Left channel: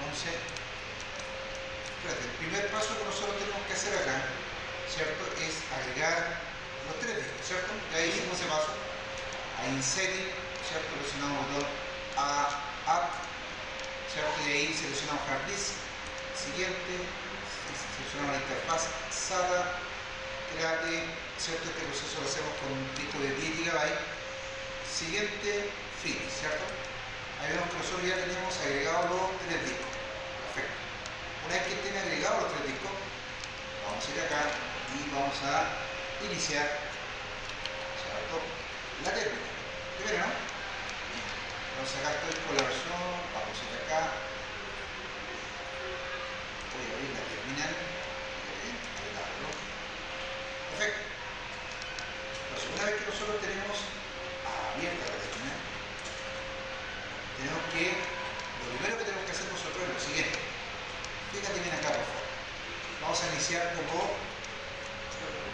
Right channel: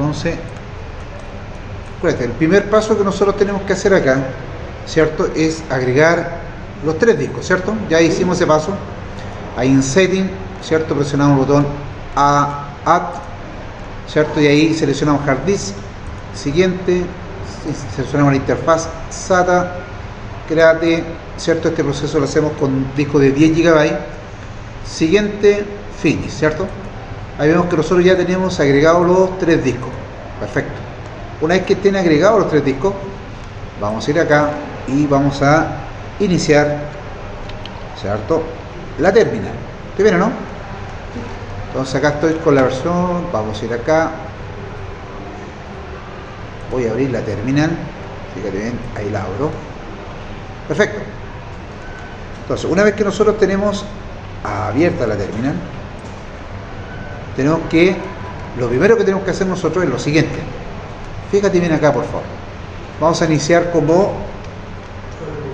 Entonces, acuérdate, el primer paso que nosotros tenemos que hacer acá, ¿cierto? Es agregar los tres discos, ¿cierto? Ya hicimos ese paso. Ahí en Setting, ¿cierto? Presionamos el botón Add, ¿cierto? Y ahí seleccionamos Hard Disk. Siguiente, seleccionamos la interfaz SATA, Create, ¿cierto? Este proceso lo hacemos con un disco de 10 GB. Siguiente, Finish, ¿cierto? Ahí vemos que nosotros ya tenemos agregados los tres discos. Perfecto. Una vez que estén agregados los tres discos, vamos a ir acá y vamos a iniciar, ¿cierto? La terminal. ¿Te viene, no? Entonces acá estoy con la versión, vamos a ir acá. Voy a abrir la terminal. Fíjate bien, ahí la abro. Perfecto. Entonces, una vez que nosotros tenemos abierta la terminal, tenemos que, lo primero que tenemos que hacer nosotros es lo siguiente. Fíjate bien acá, por favor. Vamos a iniciar como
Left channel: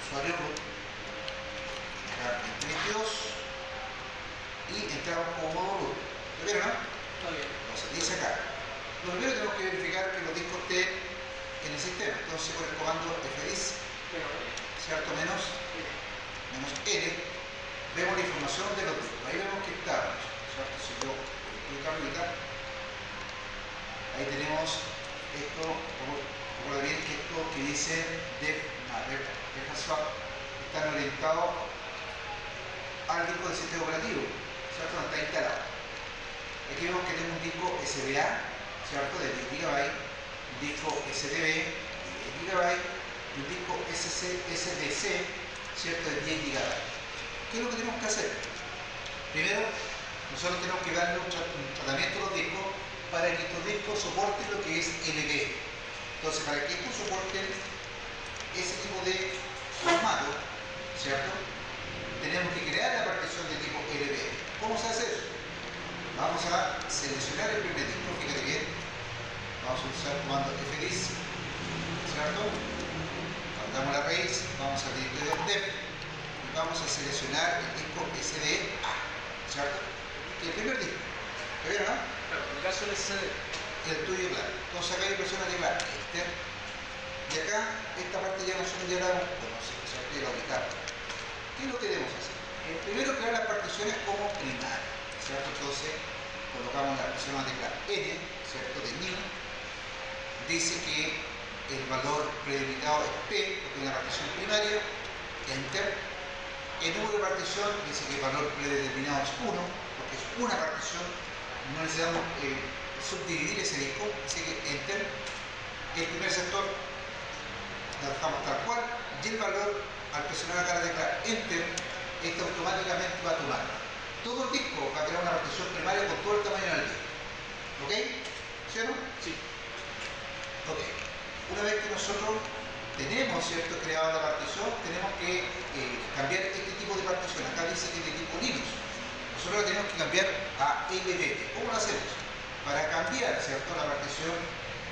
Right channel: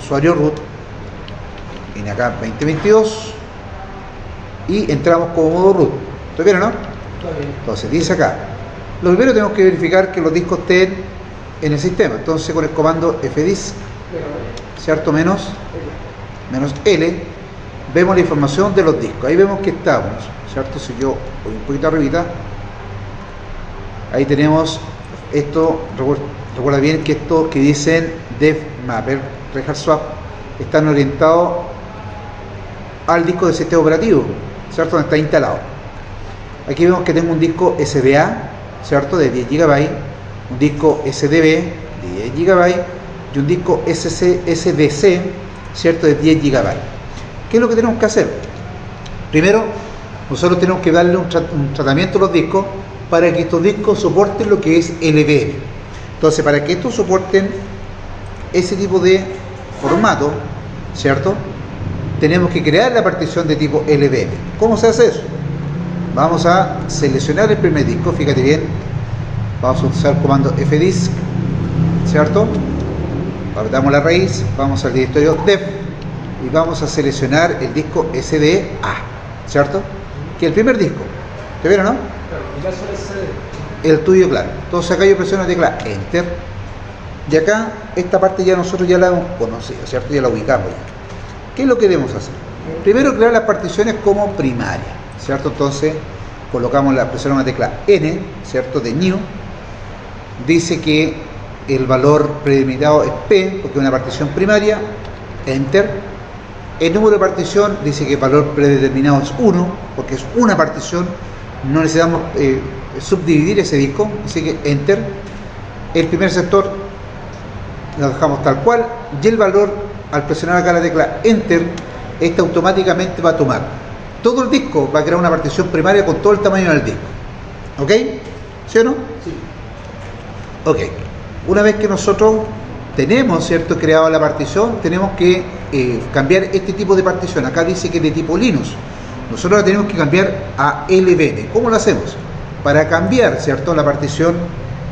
usuario root. Viene acá 2022 y entramos como modo root. ¿Está bien o no? Está bien. Entonces dice acá, lo primero tenemos que verificar que los discos estén en el sistema. Entonces con el comando fdisk, ¿cierto? Menos L, vemos la información de los discos. Ahí vemos que estamos, ¿cierto? Si yo voy un poquito arribita, ahí tenemos esto. Recuerda bien que estos que dicen Dev Mapper, Rehard Swap, están orientados al disco del sistema operativo, ¿cierto? Donde está instalado. Aquí vemos que tengo un disco SDA, ¿cierto? De 10 GB, un disco SDB de 10 GB y un disco SDC, ¿cierto? De 10 GB. ¿Qué es lo que tenemos que hacer? Primero, nosotros tenemos que darle un tratamiento a los discos para que estos discos soporten lo que es LVM. Entonces, para que estos soporten ese tipo de formato, ¿cierto? Tenemos que crear la partición de tipo LVM. ¿Cómo se hace eso? Vamos a seleccionar el primer disco, fíjate bien. Vamos a usar el comando fdisk, ¿cierto? Apretamos la raíz, vamos al directorio dev y vamos a seleccionar el disco SDA, ¿cierto? Que es el primer disco. ¿Te vieron, no? Claro, en caso de CD. El tuyo, claro. Entonces acá yo presiono la tecla Enter y acá esta parte ya nosotros ya la hemos conocido, ¿cierto? Ya la ubicamos ya. ¿Qué es lo que debemos hacer? Primero crear las particiones como primaria, ¿cierto? Entonces presionamos la tecla N, ¿cierto? De New. Dice que el valor predelimitado es P, porque es una partición primaria. Enter. El número de partición dice que el valor predeterminado es 1, porque es una partición. No necesitamos subdividir ese disco, así que Enter. El primer sector lo dejamos tal cual y el valor, al presionar acá la tecla Enter, este automáticamente va a tomar todo el disco, va a crear una partición primaria con todo el tamaño del disco. ¿Ok? ¿Sí o no? Sí. Ok. Una vez que nosotros tenemos, ¿cierto?, creado la partición, tenemos que cambiar este tipo de partición. Acá dice que es de tipo Linux. Nosotros la tenemos que cambiar a LVM. ¿Cómo lo hacemos? Para cambiar, ¿cierto?, la partición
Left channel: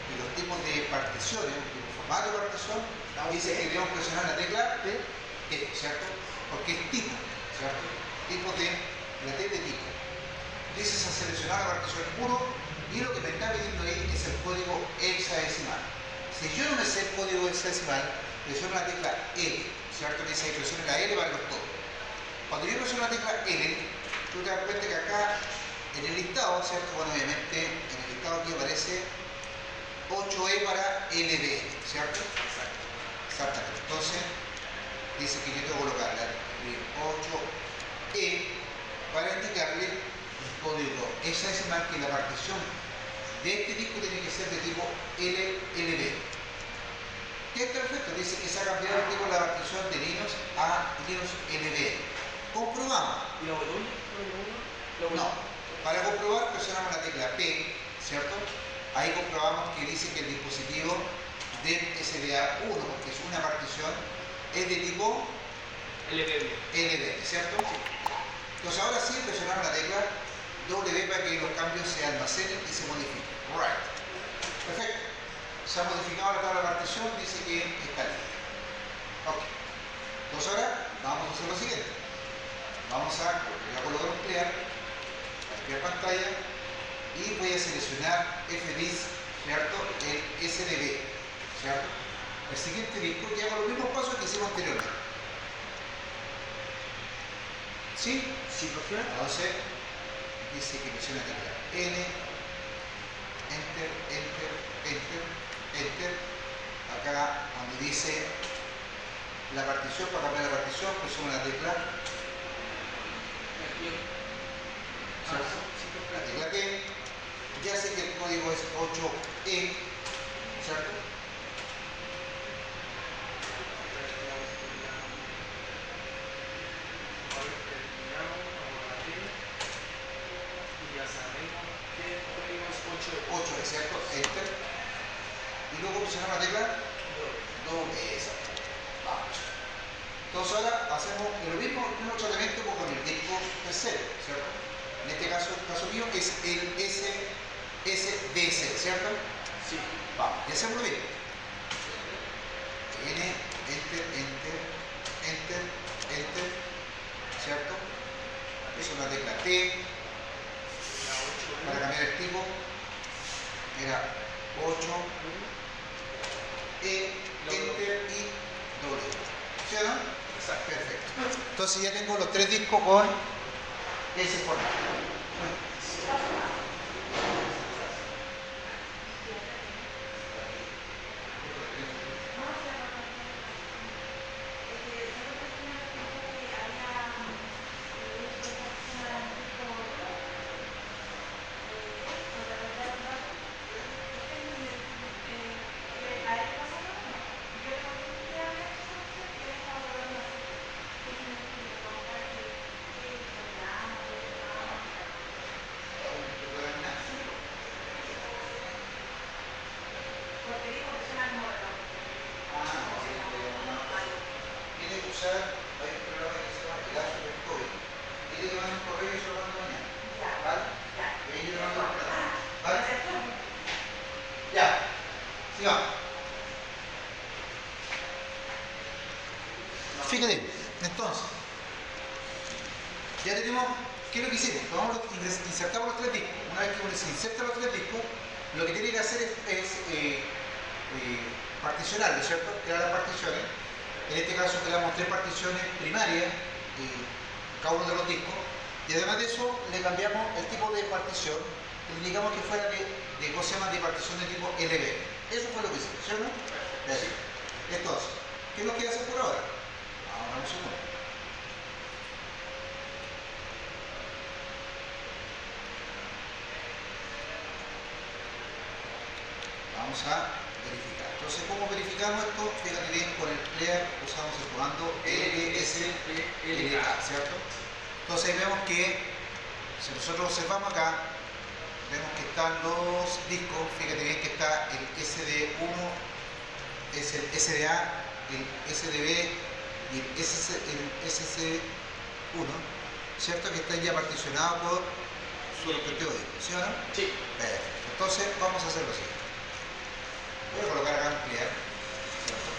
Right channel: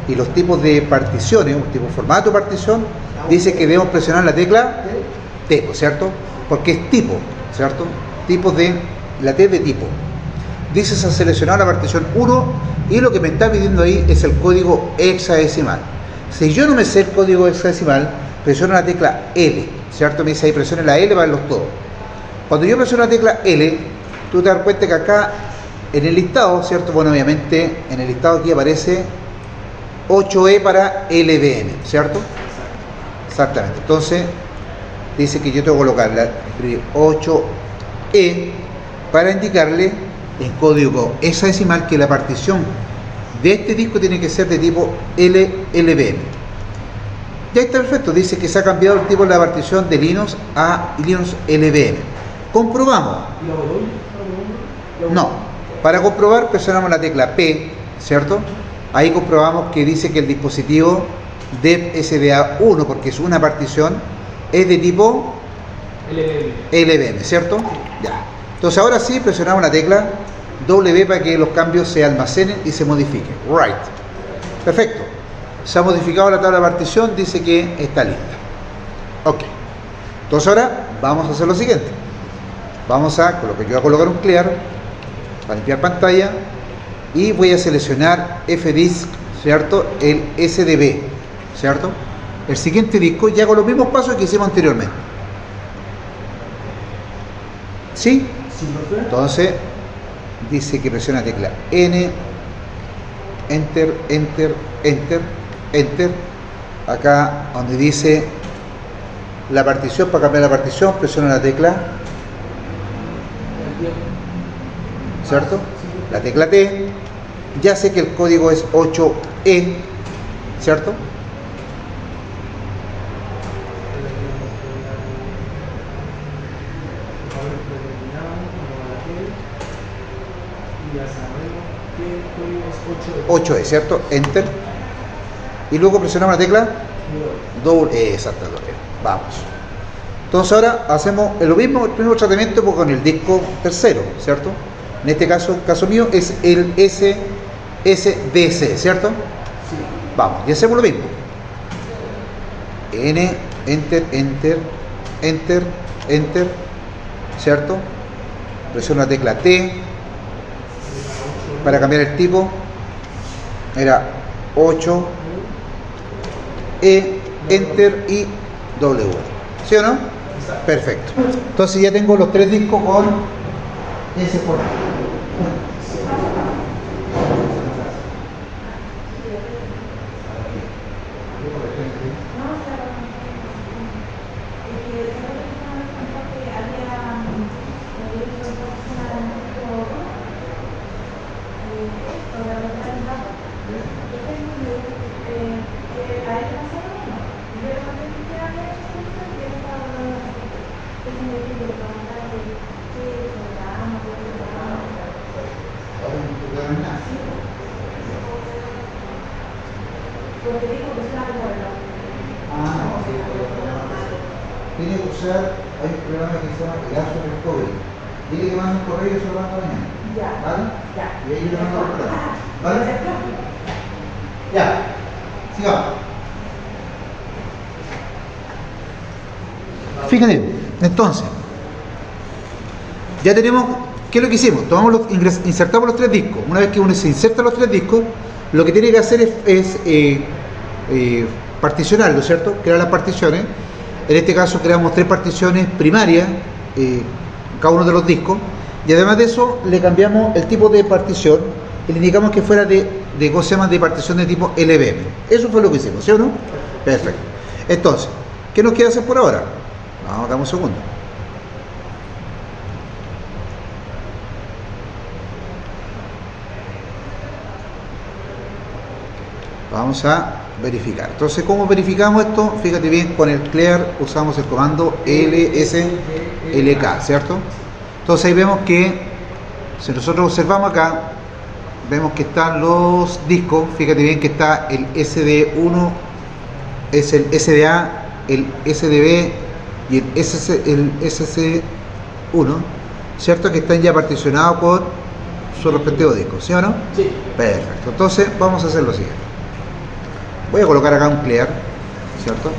y los tipos de particiones, un tipo de formato de partición, dice que debemos presionar la tecla T, ¿cierto? Porque es tipo, ¿cierto? Tipo de, la T de tipo. Dices a seleccionar la partición 1 y lo que me está pidiendo ahí es el código hexadecimal. Si yo no me sé el código hexadecimal, presiono la tecla L, ¿cierto? Me dice ahí presione la L para verlos todos. Cuando yo presiono la tecla L, tú te das cuenta que acá en el listado, ¿cierto? Bueno, obviamente en el listado aquí aparece 8E para LVM, ¿cierto? Exactamente. Entonces dice que yo tengo que colocar la 8E para indicarle en código hexadecimal que la partición de este disco tiene que ser de tipo LVM. Ya está perfecto, dice que se ha cambiado el tipo de la partición de Linux a Linux LVM. Comprobamos. ¿Y la volumen? No, para comprobar presionamos la tecla P, ¿cierto? Ahí comprobamos que dice que el dispositivo de SDA1, porque es una partición, es de tipo LVM, ¿cierto? Ya. Entonces ahora sí presionamos la tecla W para que los cambios se almacenen y se modifiquen. Right. Perfecto. Se ha modificado la tabla de partición, dice que está lista. Ok. Entonces ahora vamos a hacer lo siguiente. Vamos a colocar, yo voy a colocar un clear para limpiar pantalla y voy a seleccionar fdisk, ¿cierto? El SDB, ¿cierto? El siguiente disco ya con los mismos pasos que hicimos anteriormente. ¿Sí? Sí, profe. Entonces, dice que presiona la tecla N, Enter, Enter, Enter, Enter. Acá donde dice la partición, para cambiar la partición, presiona la tecla, ¿cierto? La tecla T. Ya sé que el código es 8E, ¿cierto? Y ya sabemos que el código es 8E, ¿cierto? Enter. Y luego presionamos la tecla doble, exactamente. Vamos. Entonces ahora hacemos lo mismo, el mismo tratamiento pues, con el disco tercero, ¿cierto? En este caso mío es el SDC, ¿cierto? Sí. Vamos, y hacemos lo mismo. N, Enter, Enter, Enter, Enter, ¿cierto? Presiono la tecla T para cambiar el tipo. Era 8, E, Enter y W. ¿Sí o no? Exacto. Perfecto. Entonces ya tengo los tres discos con ese formato. Tiene que usar, hay un programa que se llama Pegasus Recovery. Dile que mande un correo y yo se lo mando mañana. Ya. ¿Vale? Ya. Y ahí yo le mando el programa. ¿Vale? Ya. Sigamos. Fíjate, entonces, ya tenemos, ¿qué es lo que hicimos? Tomamos insertamos los tres discos. Una vez que uno se inserta los tres discos, lo que tiene que hacer es particionarlo, ¿cierto? Crear las particiones. En este caso creamos tres particiones primarias, cada uno de los discos, y además de eso le cambiamos el tipo de partición y le indicamos que fuera de ¿cómo se llama? De partición de tipo LVM. Eso fue lo que hicimos, ¿sí o no? Perfecto. Entonces, ¿qué nos queda hacer por ahora? Vamos, dame un segundo. Vamos a verificar. Entonces, ¿cómo verificamos esto? Fíjate bien, con el clear usamos el comando lslk, ¿cierto? Entonces ahí vemos que, si nosotros observamos acá, vemos que están los discos, fíjate bien que está el SD1, es el SDA, el SDB y el SC1, ¿cierto? Que están ya particionados por su respectivo disco, ¿sí o no? Sí. Perfecto. Entonces vamos a hacer lo siguiente. Voy a colocar acá un clear, ¿cierto?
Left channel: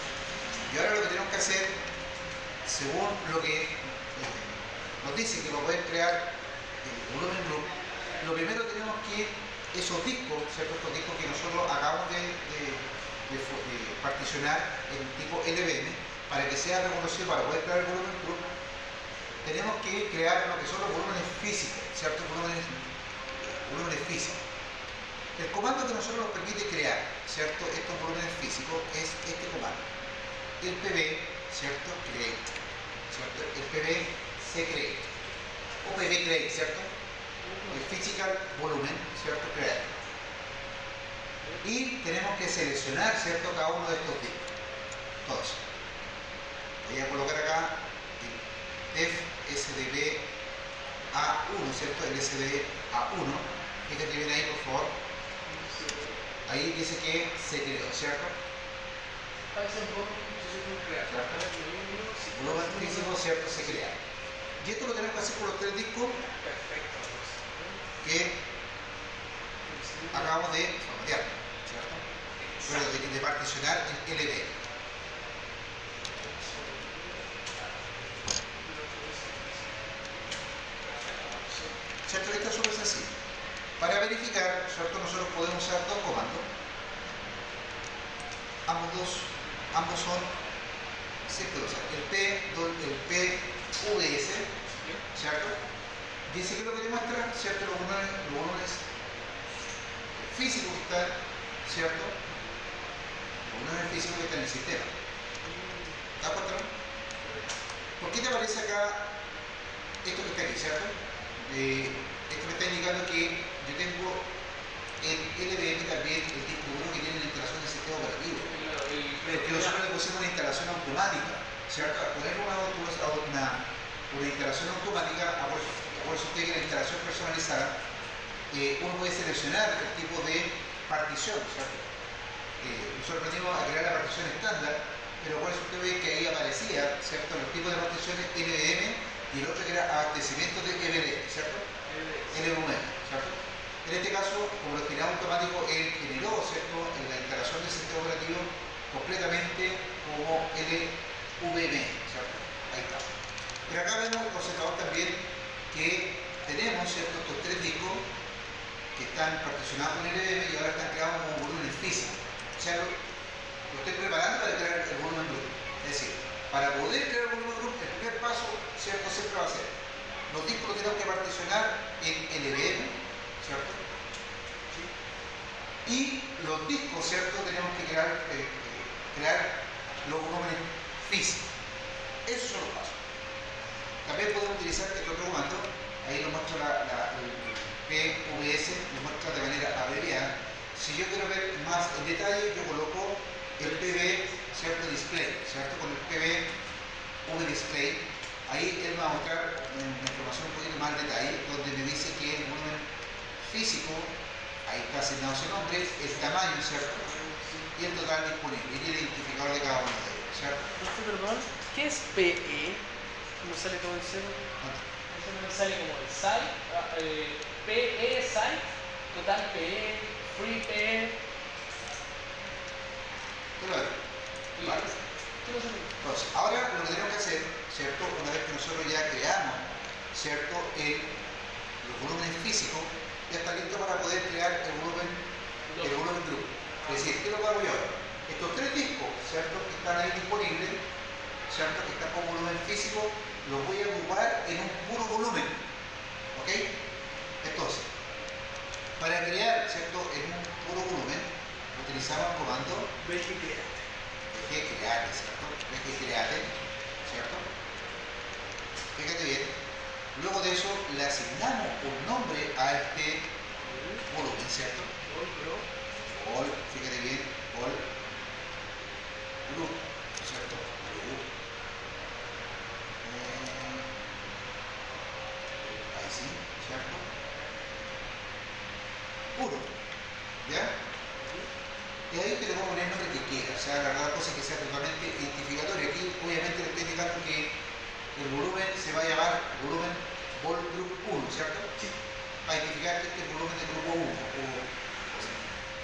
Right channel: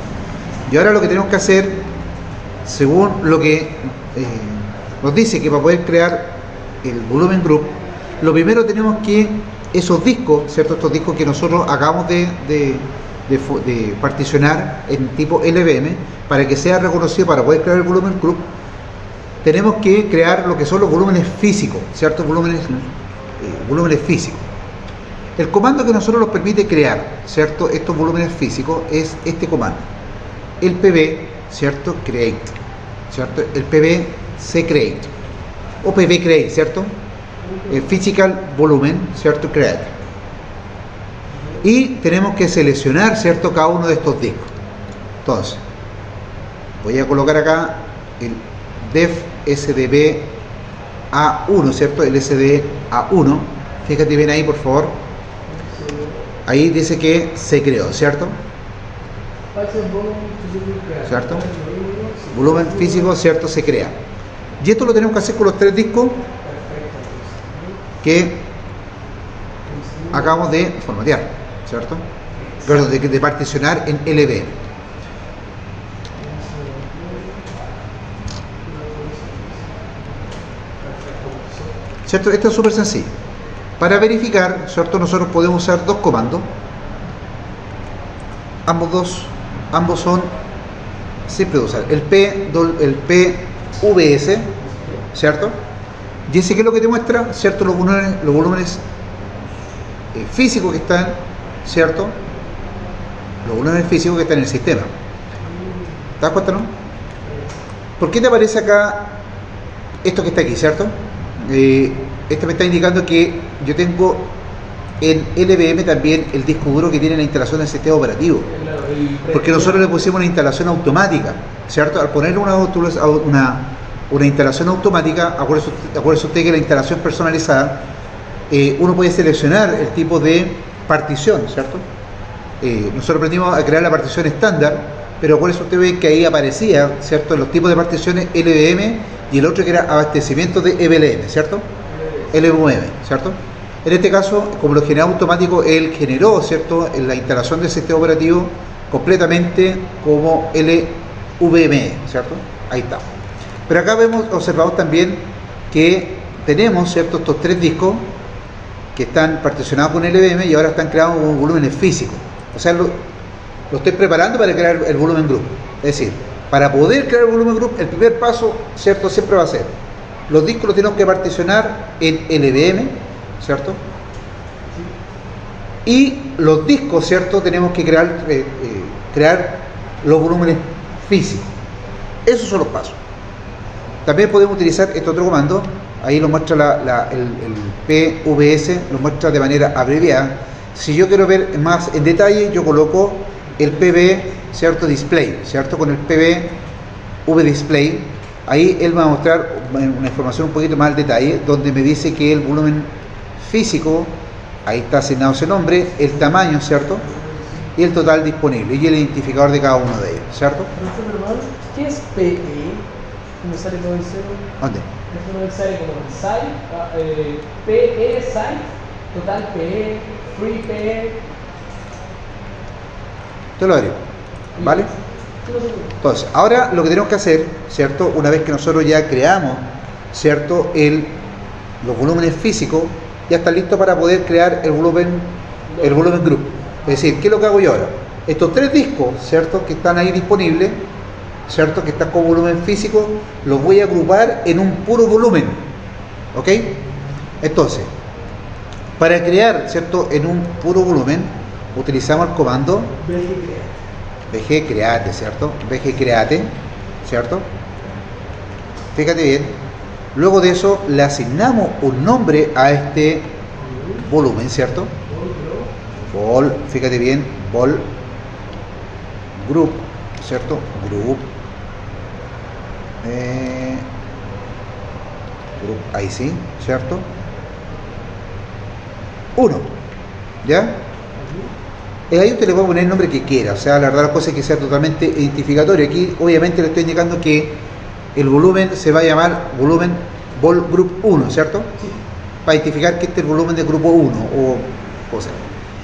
Y ahora lo que tenemos que hacer, según lo que nos dice que para poder crear el volumen group, lo primero tenemos que esos discos, ¿cierto? Estos discos que nosotros acabamos de particionar en tipo LVM, para que sea reconocido para poder crear el volumen group, tenemos que crear lo que son los volúmenes físicos, ¿cierto? Volúmenes físicos. El comando que nosotros nos permite crear, ¿cierto? Estos volúmenes físicos es este comando. El pb, ¿cierto? Create, ¿cierto? El pb create o pb create, ¿cierto? El physical volumen, ¿cierto? Create. Y tenemos que seleccionar, ¿cierto? Cada uno de estos discos. Entonces, voy a colocar acá el def sdb a1, ¿cierto? El sd a1. Fíjate bien ahí, por favor. Ahí dice que se creó, ¿cierto? ¿Cierto? Volumen físico, ¿cierto? Se crea. Y esto lo tenemos que hacer con los tres discos que acabamos de formatear, ¿cierto? Perdón, de particionar en LV. ¿Cierto? Esto es súper sencillo. Para verificar, ¿cierto? Nosotros podemos usar dos comandos. ambos son simples de usar. El PVS, ¿cierto? Y ese que es lo que te muestra, ¿cierto? Los volúmenes físicos que están, ¿cierto? Los volúmenes físicos que están en el sistema. ¿Te das cuenta, no? ¿Por qué te aparece acá esto que está aquí, ¿cierto? Esto me está indicando que yo tengo en LVM también el disco duro que tiene la instalación del sistema operativo. Porque nosotros le pusimos una instalación automática, ¿cierto? Al poner una instalación automática, acuérdese usted que la instalación personalizada, uno puede seleccionar el tipo de partición, ¿cierto? Nosotros aprendimos a crear la partición estándar, pero acuérdese usted ve que ahí aparecía, ¿cierto? Los tipos de particiones LVM y el otro que era abastecimiento de EVLM, ¿cierto? LVM, ¿cierto? En este caso, como lo generó automático, él generó, ¿cierto?, en la instalación del sistema operativo completamente como LVM, ¿cierto? Ahí está. Pero acá observamos también que tenemos, ¿cierto?, estos tres discos que están particionados con LVM y ahora están creados con volúmenes físicos. O sea, lo estoy preparando para crear el volumen group. Es decir, para poder crear el volumen group, el primer paso, ¿cierto?, siempre va a ser los discos los tenemos que particionar en LVM, ¿cierto? Y los discos, ¿cierto? Tenemos que crear los volúmenes físicos. Esos son los pasos. También podemos utilizar este otro comando. Ahí lo muestra el PVS, lo muestra de manera abreviada. Si yo quiero ver más en detalle, yo coloco el PV, ¿cierto? Display, ¿cierto? Con el PV Display. Ahí él me va a mostrar una información un poquito más al detalle, donde me dice que el volumen físico, ahí está asignado ese nombre, el tamaño, ¿cierto? Y el total disponible, y el identificador de cada uno de ellos, ¿cierto? Perdón, ¿qué es PE? ¿Me sale como en cero? ¿Dónde? Me sale como en site, PE site, total PE, free PE. Te lo digo, ¿vale? Entonces, ahora lo que tenemos que hacer, ¿cierto? Una vez que nosotros ya creamos, ¿cierto? Los volúmenes físicos, ya está listo para poder crear el volumen group. Es decir, ¿qué es lo que hago yo ahora? Estos tres discos, ¿cierto? Que están ahí disponibles, ¿cierto? Que están con volumen físico, los voy a agrupar en un puro volumen. ¿Ok? Entonces, para crear, ¿cierto? En un puro volumen, utilizamos el comando VG Create, ¿cierto? VG Create, ¿cierto? Fíjate bien. Luego de eso le asignamos un nombre a este volumen, ¿cierto? Vol, fíjate bien, Vol Group, ¿cierto? Group. Group, ahí sí, ¿cierto? 1, ¿ya? Ahí usted le puede poner el nombre que quiera, o sea, la verdad la cosa es que sea totalmente identificatorio. Aquí obviamente le estoy indicando que el volumen se va a llamar volumen Vol Group 1, ¿cierto? Sí. Para identificar que este es el volumen de grupo 1 o cosas.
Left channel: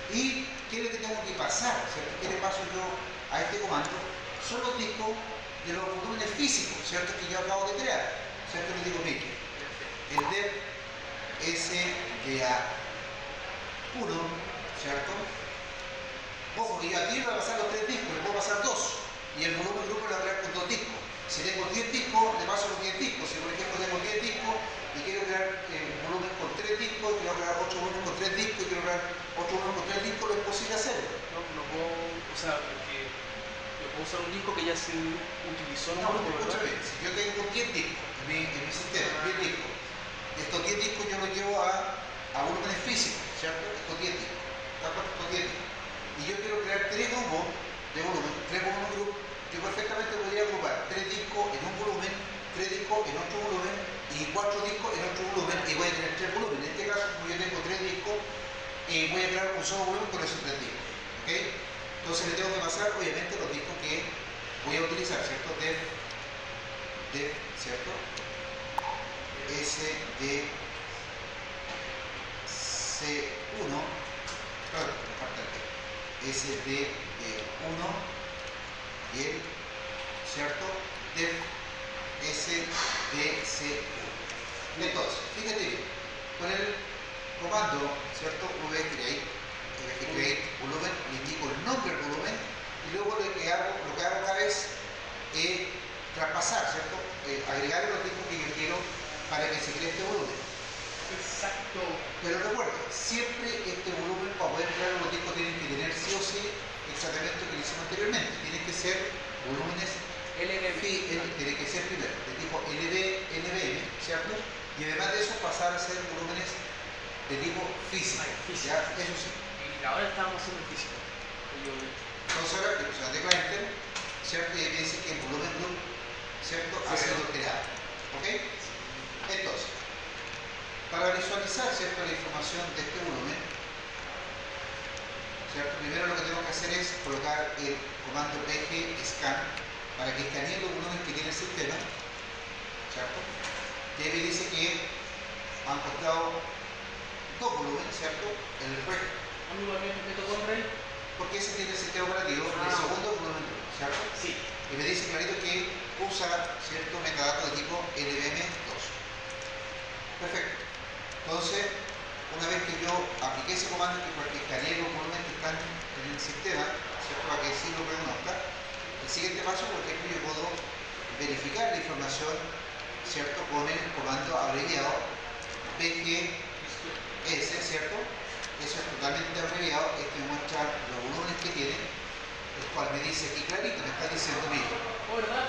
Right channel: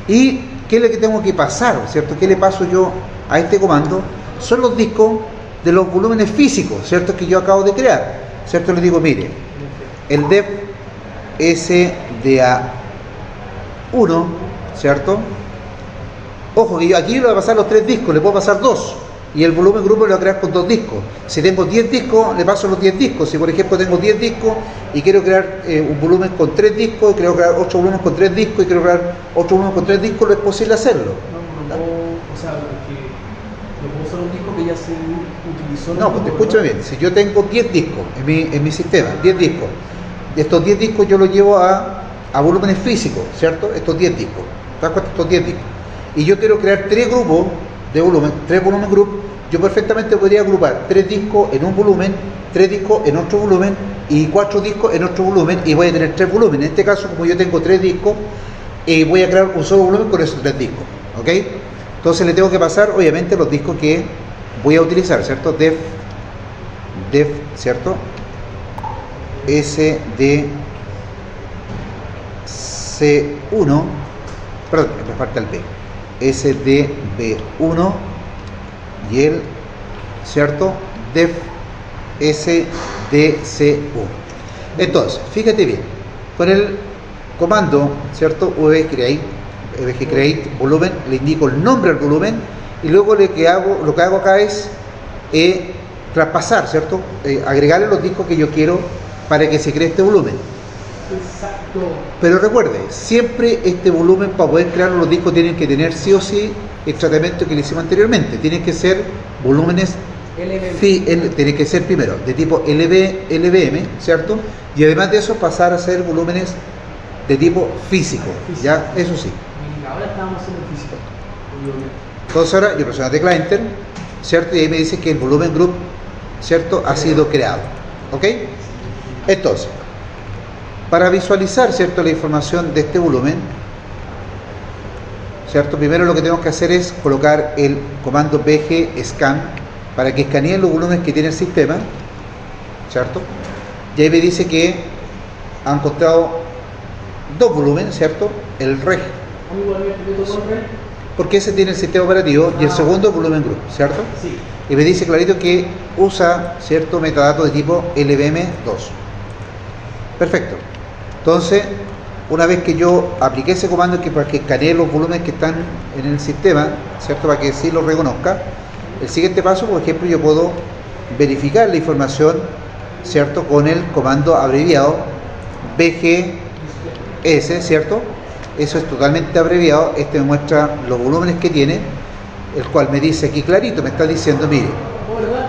¿Y qué es lo que tengo que pasar, ¿cierto? ¿Qué le paso yo a este comando? Son los discos de los volúmenes físicos, ¿cierto? Que yo acabo de crear, ¿cierto? Le digo, mire, el dev SDA1, ¿cierto? Ojo, que yo aquí le voy a pasar los tres discos, le puedo pasar dos. Y el volumen grupo lo voy a crear con 2 discos. Si tengo 10 discos, le paso los 10 discos. Si por ejemplo tengo 10 discos y quiero crear un volumen con 3 discos, quiero crear 8 volúmenes con 3 discos y quiero crear 8 volúmenes con 3 discos, lo es posible hacerlo. O sea, porque yo puedo usar un disco que ya se utilizó. No, pues escúchame bien. Si yo tengo 10 discos en mi sistema, 10 discos, de estos 10 discos yo los llevo a volúmenes físicos, ¿cierto? Estos 10 discos. ¿Te das cuenta? Estos 10 discos. Y yo quiero crear 3 grupos de volumen, 3 volumen group, yo perfectamente podría agrupar 3 discos en un volumen, 3 discos en otro volumen y 4 discos en otro volumen y voy a tener 3 volúmenes. En este caso, como yo tengo 3 discos, voy a crear un solo volumen con esos 3 discos, ¿ok? Entonces le tengo que pasar, obviamente, los discos que voy a utilizar, ¿cierto? Dev, ¿cierto? SDC1, perdón, me falta el B. SDB1 y el, ¿cierto? Dev SDC1. Entonces, fíjate bien, con el comando, ¿cierto? VG Create volumen, le indico el nombre al volumen y luego lo que hago acá es traspasar, ¿cierto? Agregarle los discos que yo quiero para que se cree este volumen. Exacto. Pero recuerde, siempre este volumen para poder crear los discos tienen que tener sí o sí el tratamiento que le hicimos anteriormente. Tienen que ser volúmenes, tienen que ser primero de tipo LVM, ¿cierto? Y además de eso pasar a ser volúmenes de tipo físico, ¿ya? Eso sí. Y ahora estamos haciendo físico. Entonces ahora yo presiono la tecla Enter, ¿cierto? Y ahí me dice que el volumen group, ¿cierto? Ha sido creado, ¿ok? Entonces, para visualizar, ¿cierto?, la información de este volumen, ¿cierto? Primero lo que tenemos que hacer es colocar el comando bg scan para que escanee los volúmenes que tiene el sistema, ¿cierto? Y ahí me dice que ha encontrado dos volúmenes, ¿cierto? El reg, porque ese tiene el sistema operativo, y el segundo el volumen group, ¿cierto? Sí. Y me dice clarito que usa cierto metadato de tipo LVM2. Perfecto. Entonces, una vez que yo apliqué ese comando para que escanee los volúmenes que están en el sistema, ¿cierto? Para que sí los reconozca, el siguiente paso, por ejemplo, yo puedo verificar la información, ¿cierto? Con el comando abreviado BGS, ¿cierto? Eso es totalmente abreviado. Este me muestra los volúmenes que tiene, el cual me dice aquí clarito, me está diciendo, mire,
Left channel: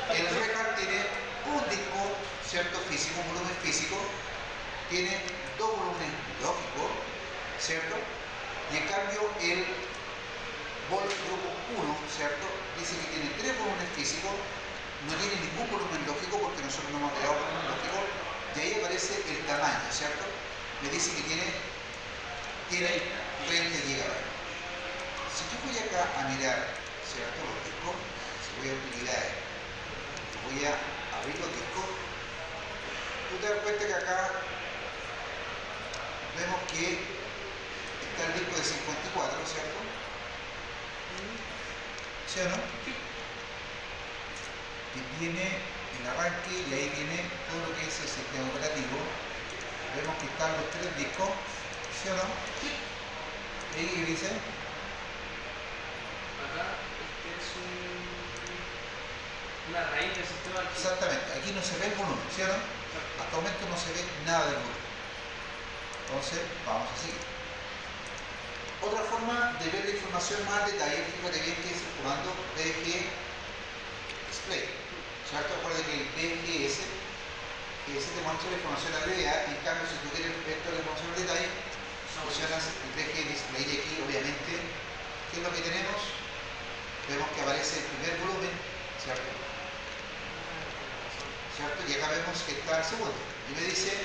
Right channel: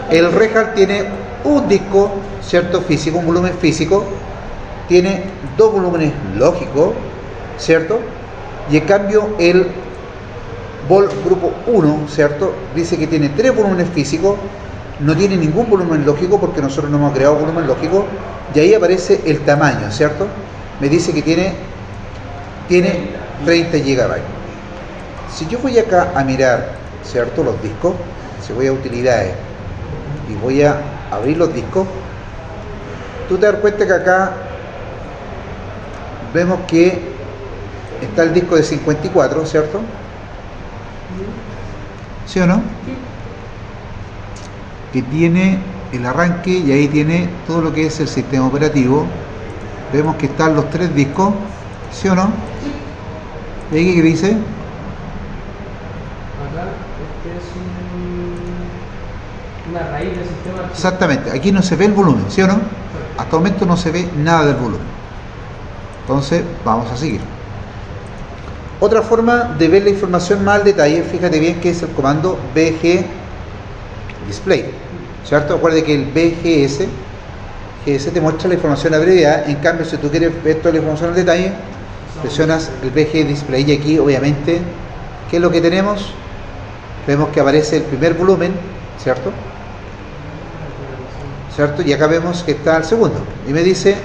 el REHAL tiene un disco, ¿cierto? Físico, un volumen físico, tiene dos volúmenes lógicos, ¿cierto? Y en cambio el Vol grupo 1, ¿cierto? Dice que tiene tres volúmenes físicos, no tiene ningún volumen lógico porque nosotros no hemos creado volumen lógico, y ahí aparece el tamaño, ¿cierto? Me dice que tiene 30 GB. Si yo voy acá a mirar, ¿cierto?, los discos, si voy a utilidades y voy a abrir los discos, tú te das cuenta que acá vemos que está el disco de 54, ¿cierto? ¿Sí o no? Que tiene el arranque y ahí tiene todo lo que es el sistema operativo. Vemos que están los tres discos, ¿sí o no? ¿Y ahí qué dice? Acá este es una raíz del sistema. Exactamente, aquí no se ve el volumen, ¿sí o no? Hasta el momento no se ve nada del volumen. Entonces, vamos a seguir. Otra forma de ver la información más al detalle, fíjate bien que es el comando bg display, ¿cierto? Recuerde que el bgs te muestra la información abreviada. En cambio, si tú quieres ver toda la información al detalle, presionas el bg display, y aquí obviamente, ¿qué es lo que tenemos? Vemos que aparece el primer volumen, ¿cierto? Y acá vemos que está el segundo, y me dice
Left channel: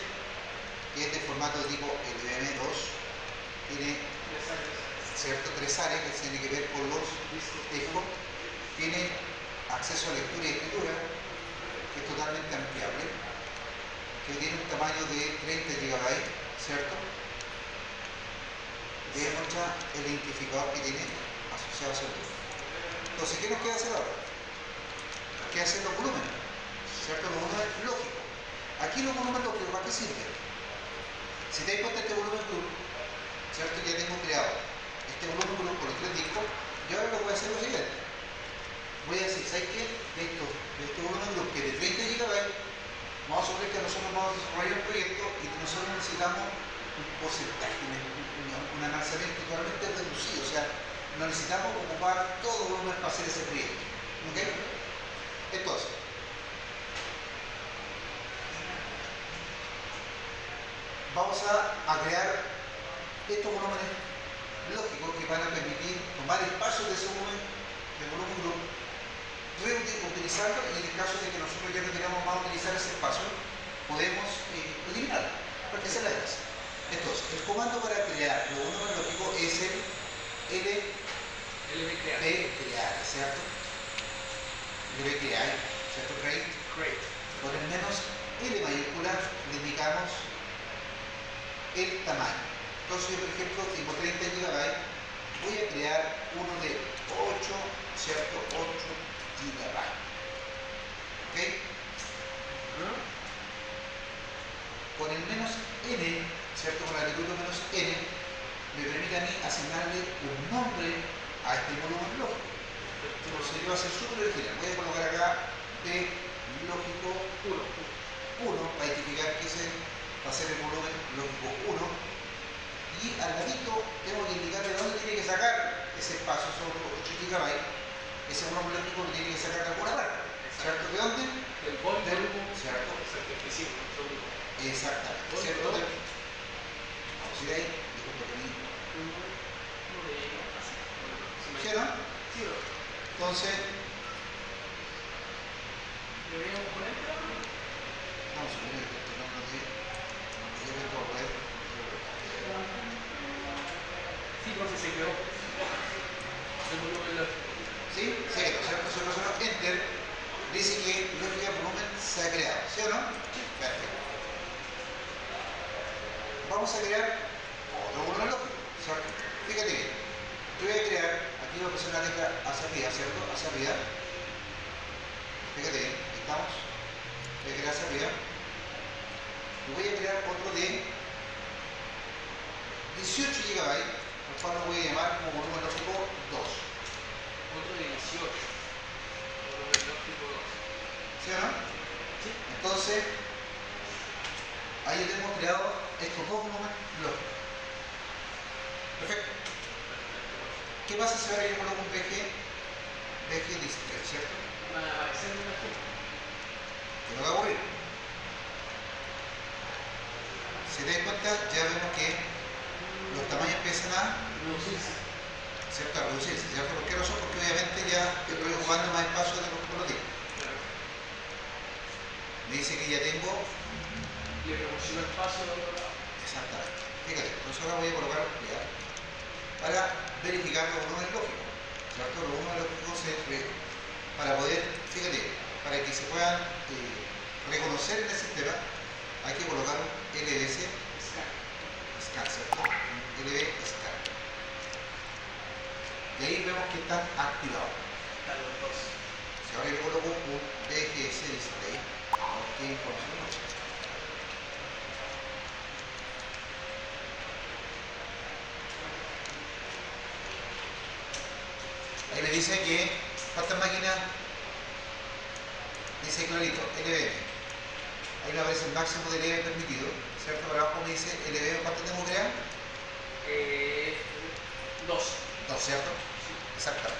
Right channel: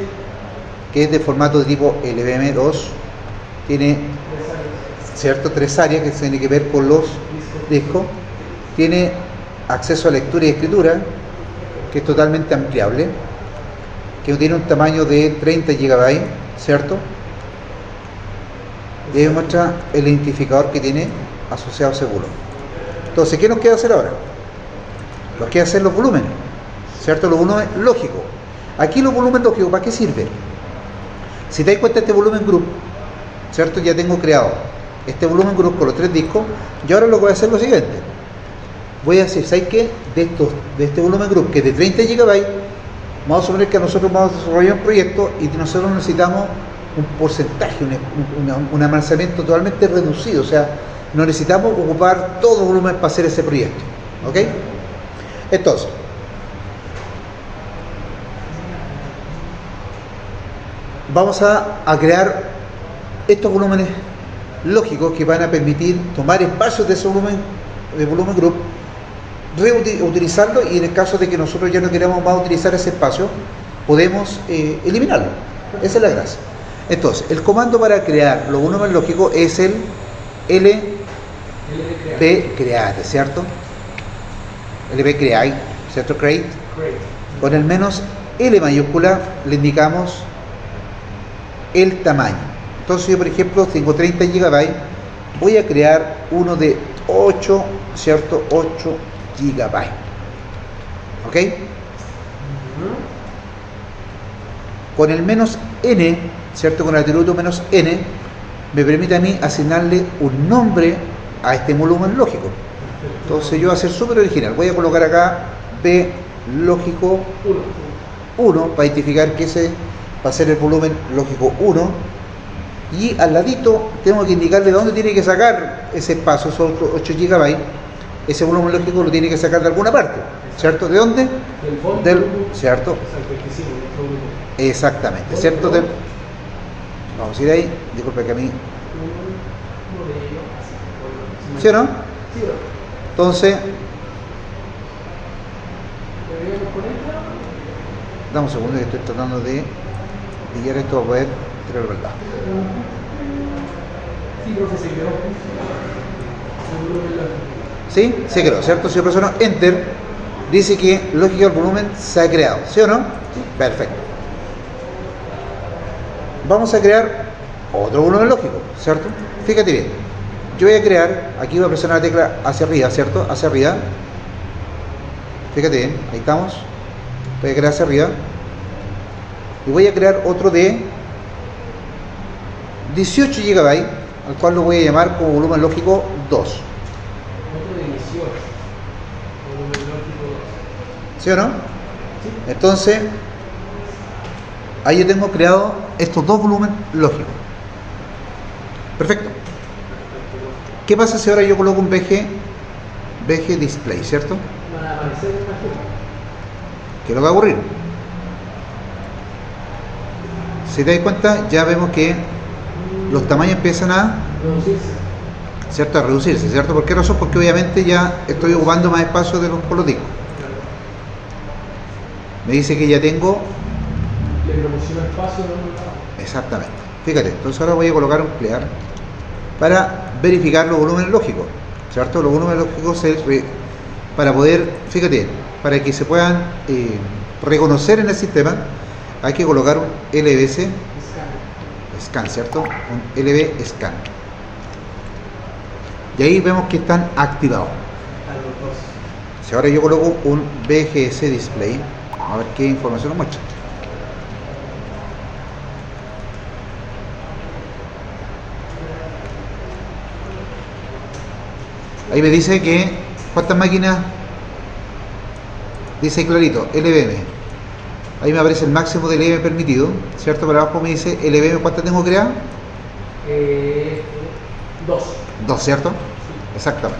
que es de formato de tipo LVM2, tiene, ¿cierto?, tres áreas que tienen que ver con los discos, tiene acceso a lectura y escritura, que es totalmente ampliable, que tiene un tamaño de 30 GB, ¿cierto? Y ahí muestra el identificador que tiene asociado a ese volumen. Entonces, ¿qué nos queda hacer ahora? Nos queda hacer los volúmenes, ¿cierto? Los volúmenes lógicos. Aquí los volúmenes lógicos, ¿para qué sirve? Si te das cuenta, este volumen group, ¿cierto? Ya tengo creado este volumen group con los tres discos, y ahora lo que voy a hacer es lo siguiente. Voy a decir, ¿sabes qué? De este volumen group, que es de 30 GB, vamos a suponer que nosotros vamos a desarrollar un proyecto y nosotros necesitamos un porcentaje, un almacenamiento totalmente reducido, o sea, no necesitamos ocupar todo el volumen para hacer ese proyecto, ¿ok? Entonces, vamos a crear estos volúmenes lógicos que van a permitir tomar espacios de ese volumen group, reutilizarlo, y en el caso de que nosotros ya no queramos más utilizar ese espacio, podemos eliminarlo. Esa es la gracia. Entonces, el comando para crear los volúmenes lógicos es el lbcreate, ¿cierto? lbcreate, ¿cierto? Create. Con el menos L mayúscula le indicamos el tamaño. Entonces yo, por ejemplo, tengo 30 GB, voy a crear uno de 8, ¿cierto? 8 GB, ¿ok? Con el menos N, ¿cierto? Con el atributo menos N, me permite a mí asignarle un nombre a este volumen lógico. Entonces yo voy a ser súper original. Voy a colocar acá B lógico 1 para identificar que ese va a ser el volumen lógico 1. Y al ladito tengo que indicarle de dónde tiene que sacar ese espacio, esos 8 GB. Ese volumen lógico lo tiene que sacar de alguna parte, ¿cierto? ¿De dónde? Del, ¿cierto? Exactamente, ¿cierto? Vamos a ir ahí, disculpe que a mí... ¿Sí o no? Entonces... Dame un segundo que estoy tratando de pillar esto para poder tirar la verdad. Sí, profe, se quedó. ¿Sí? Se creó, ¿cierto? Si yo presiono Enter, dice que Logical Volumen se ha creado, ¿sí o no? Sí. Perfecto. Vamos a crear otro volumen lógico, ¿cierto? Fíjate bien. Yo voy a crear, aquí voy a presionar la tecla hacia arriba, ¿cierto? Hacia arriba. Fíjate bien, ahí estamos. Voy a crear hacia arriba. Y voy a crear otro de 18 GB, al cual lo voy a llamar como volumen lógico 2. Otro de 18. Volumen lógico 2. ¿Sí o no? Sí. Entonces, ahí yo tengo creado estos dos volúmenes lógicos. Perfecto. ¿Qué pasa si ahora yo coloco un VG Display, ¿cierto? Van a aparecer una imagen. ¿Qué es lo que va a ocurrir? Si te das cuenta, ya vemos que los tamaños empiezan a, ¿cierto? A reducirse, ¿cierto? ¿Por qué razón? Porque obviamente ya estoy ocupando más espacio de por los discos. Me dice que ya tengo... Le proporciona espacio. Exactamente. Fíjate, entonces ahora voy a colocar un clear para verificar los volúmenes lógicos, ¿cierto? Los volúmenes lógicos para poder, fíjate, para que se puedan reconocer en el sistema, hay que colocar un LBS Scan, ¿cierto? Un LB Scan. Y ahí vemos que están activados. Si ahora yo coloco un BGS Display, a ver qué información nos muestra. Ahí me dice que cuántas máquinas, dice clarito, LVM. Ahí me aparece el máximo de LVM permitido, ¿cierto? Para abajo me dice LVM, ¿cuántas tengo creadas? 2. 2, ¿cierto? Sí. Exactamente.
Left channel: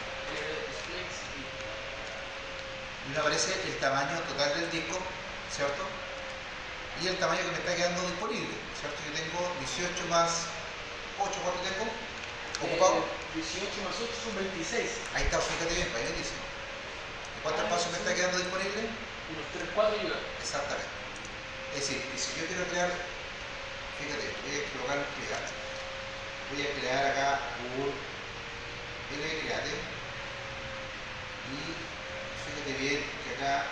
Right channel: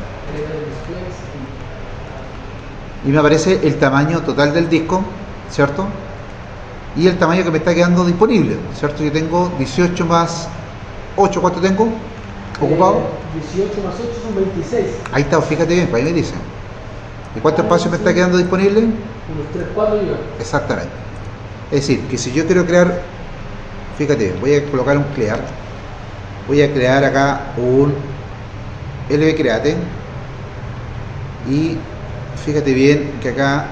Y me aparece el tamaño total del disco, ¿cierto? Y el tamaño que me está quedando disponible, ¿cierto? Yo tengo 18 más 8, ¿cuánto tengo? ¿Ocupado? 18 más 8 son 26. Ahí está, fíjate bien, ahí me dice. ¿Y cuánto espacio me está quedando disponible? Unos 3, 4 GB. Exactamente. Es decir, que si yo quiero crear, fíjate, voy a colocar un clear, voy a crear acá un LB Create y fíjate bien que acá,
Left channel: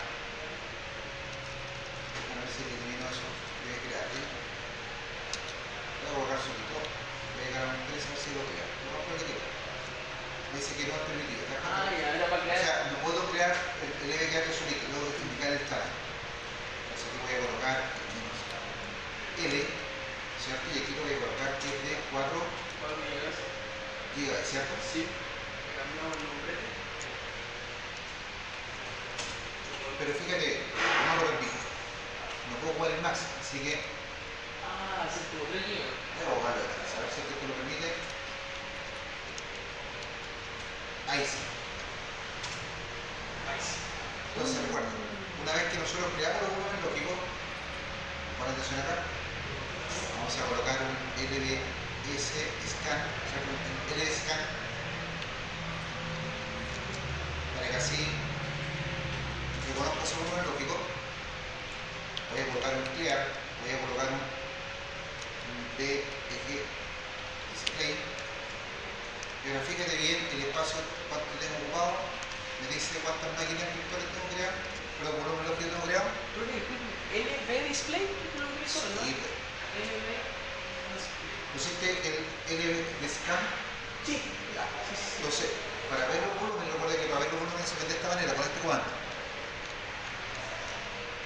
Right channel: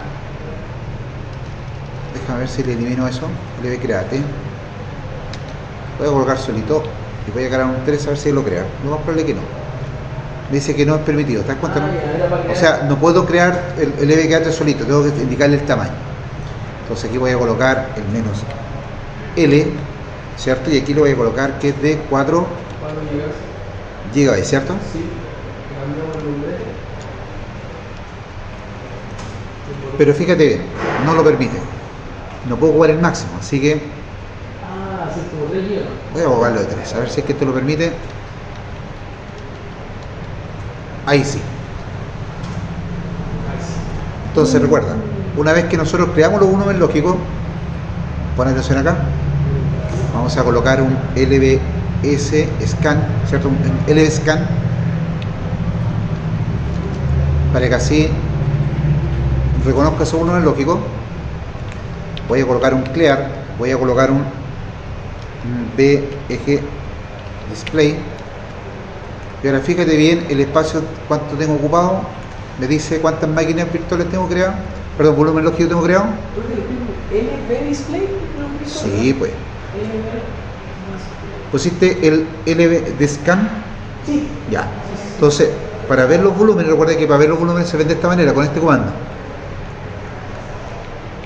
déjame ver si le elimino eso, LB Create, voy a colocar solito y voy a crear un 3 a ver si lo crea. Lo más probable es que no. Me dice que no es permitido, ¿te das cuenta? No? O sea, no puedo crear el LB Create solito, tengo que indicarle el tamaño. Entonces aquí voy a colocar el menos L, ¿cierto? Y aquí lo voy a colocar que es de 4 GB, ¿cierto? Sí, cambiamos el nombre. Pero fíjate bien, no lo permite. No puedo jugar el máximo, así que Así como 3 GB. voy a jugarlo de 3, a ver si es que esto lo permite. Ahí sí. Entonces recuerda, una vez que nosotros creamos los volúmenes lógicos, pon atención acá, vamos a colocar un LBS Scan, ¿cierto? Un LB Scan, para que así reconozca ese volumen lógico. Voy a colocar un clear, voy a colocar un BG Display. Y ahora fíjate bien el espacio, cuánto tengo ocupado. Me dice cuántas máquinas virtuales tengo creado. Perdón, volumen lógico tengo creado. ¿LB Display? Sí, pues. ¿Pusiste el LB de Scan? Sí. Ya. Entonces, para ver los volúmenes, recuerda que para ver los volúmenes se ven de esta manera, con este comando.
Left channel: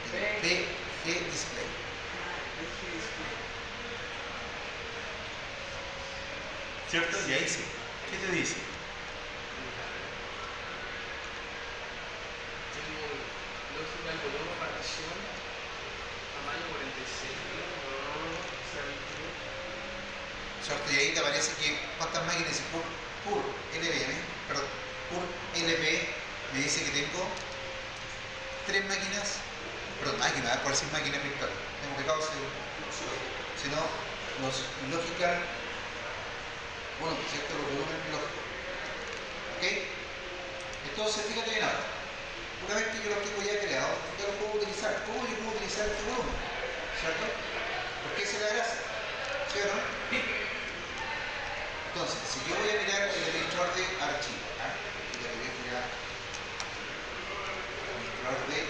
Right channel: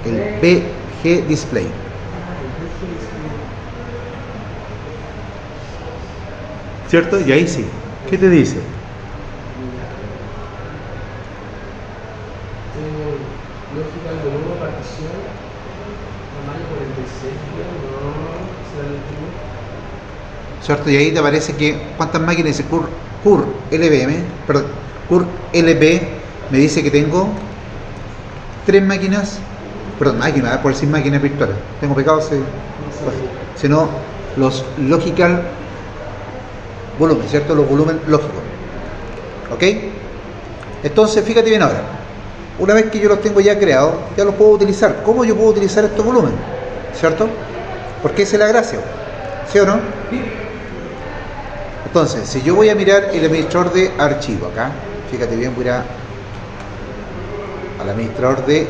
El BG Display. ¿Cierto? Y ahí sí. ¿Qué te dice? ¿Cierto? Y ahí te aparece que cuántas máquinas dice CUR LBM, perdón, CUR LB me dice que tengo 3 máquinas, perdón, máquinas, por decir máquinas virtuales. Tengo pecado, sino los logical volumen, ¿cierto? Los volúmenes lógicos. ¿Ok? Entonces, fíjate bien ahora. Una vez que yo los tengo ya creados, ya los puedo utilizar. ¿Cómo yo puedo utilizar estos volúmenes? ¿Cierto? Porque esa es la gracia. ¿Sí o no? Entonces, si yo voy a mirar el administrador de archivo acá, fíjate bien, voy a ir al administrador de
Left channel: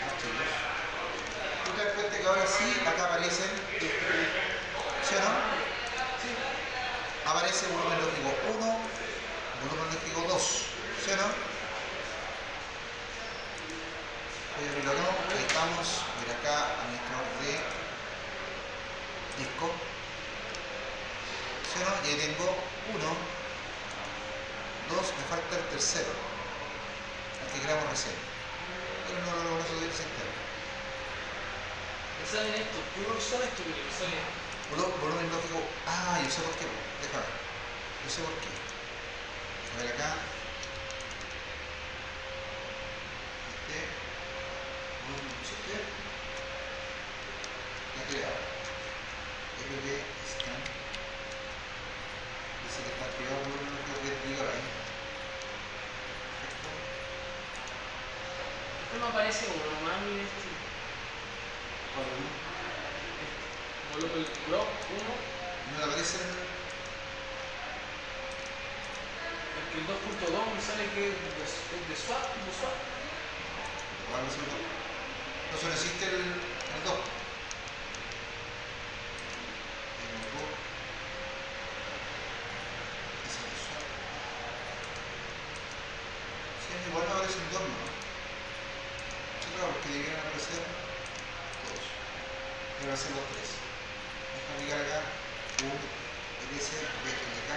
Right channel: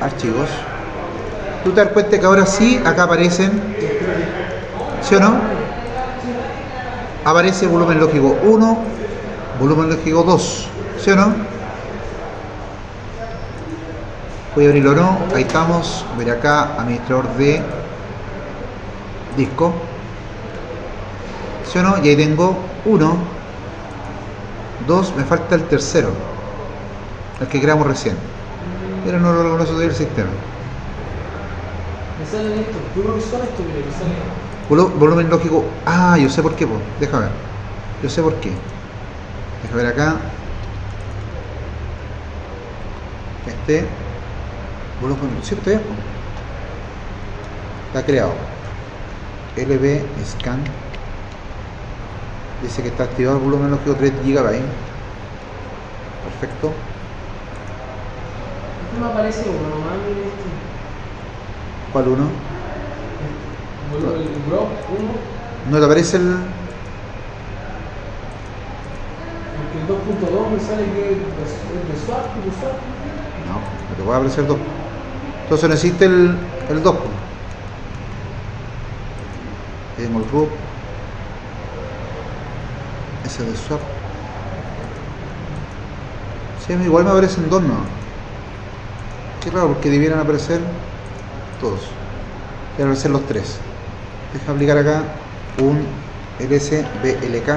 archivos. Tú te das cuenta que ahora sí, acá aparecen, ¿sí o no? Aparece volumen lógico 1, volumen lógico 2, ¿sí o no? Voy a abrirlo o no, ahí estamos, ver acá, administrador de disco, ¿sí o no? Y ahí tengo 1, 2, me falta el tercero, el que creamos recién, pero no lo reconoce todavía el sistema. Me salen estos, yo creo que son estos, mire, que salen. Volumen lógico, yo sé por qué, po. Déjame ver, yo sé por qué. Déjame ver acá, volumen, ¿cierto? Está creado. LB scan. Dice que está activado el volumen lógico 3 GB. Perfecto. No me aparece uno, nomás mire este. ¿Cuál uno? El Grok 1. ¿No te aparece el...? El 2.2 me sale que es de swap, No, no te puede aparecer 2. Entonces necesita el 2. Tengo el root. Ese de swap. Sí, igual me aparecen 2, no. Qué raro, porque debieran aparecer todos. Deben aparecer los 3. Deja aplicar acá un LSBLK.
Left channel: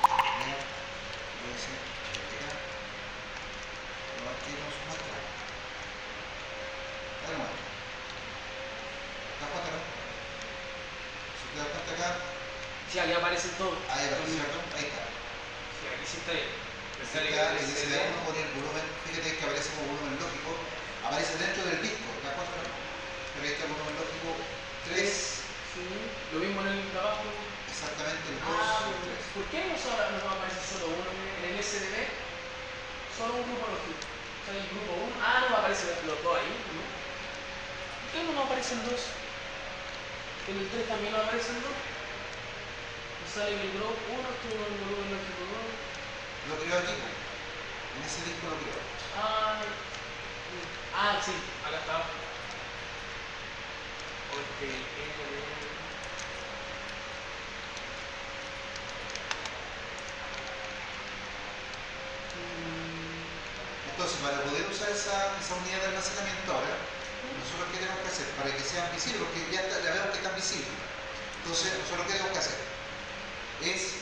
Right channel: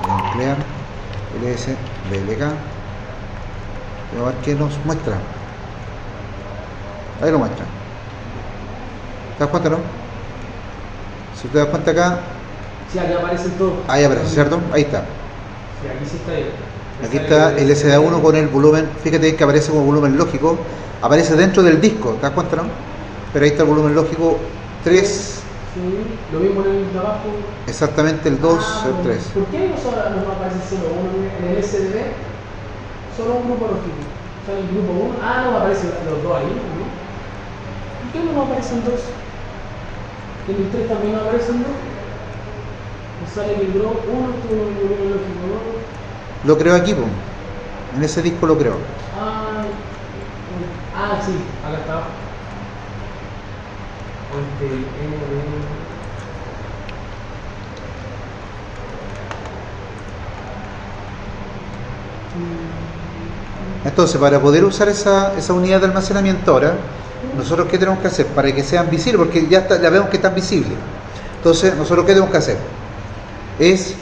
Voy a emplear LSBLK. Vamos a ver qué nos muestra. Ahí lo muestra. ¿Te das cuenta, no? Si te das cuenta acá. Sí, aquí aparecen todos. Ahí aparece, ¿cierto? Ahí está. Sí, aquí sí está ahí. Aquí está el SDA1 con el volumen. Fíjate que aparece como volumen lógico. Aparece dentro del disco, ¿te das cuenta, no? Pero ahí está el volumen lógico 3. Sí, lo mismo en el de abajo. Exactamente el 2, el 3. ¿Por qué no aparece solo uno? En el SDB, solo un grupo lógico. O sea, el grupo 1. No me aparecen los dos ahí, ¿no? ¿Por qué no aparecen dos? En el 3 también no aparecen dos. Me sale que el grupo 1 tuvo un volumen lógico 2. Lo creo aquí, po. En ese disco lo creo. Sí, acá está. Entonces, para poder usar esa unidad de almacenamiento ahora, nosotros ¿qué tenemos que hacer? Para que sean visibles, porque ya vemos que están visibles. Entonces, nosotros ¿qué tenemos que hacer? Es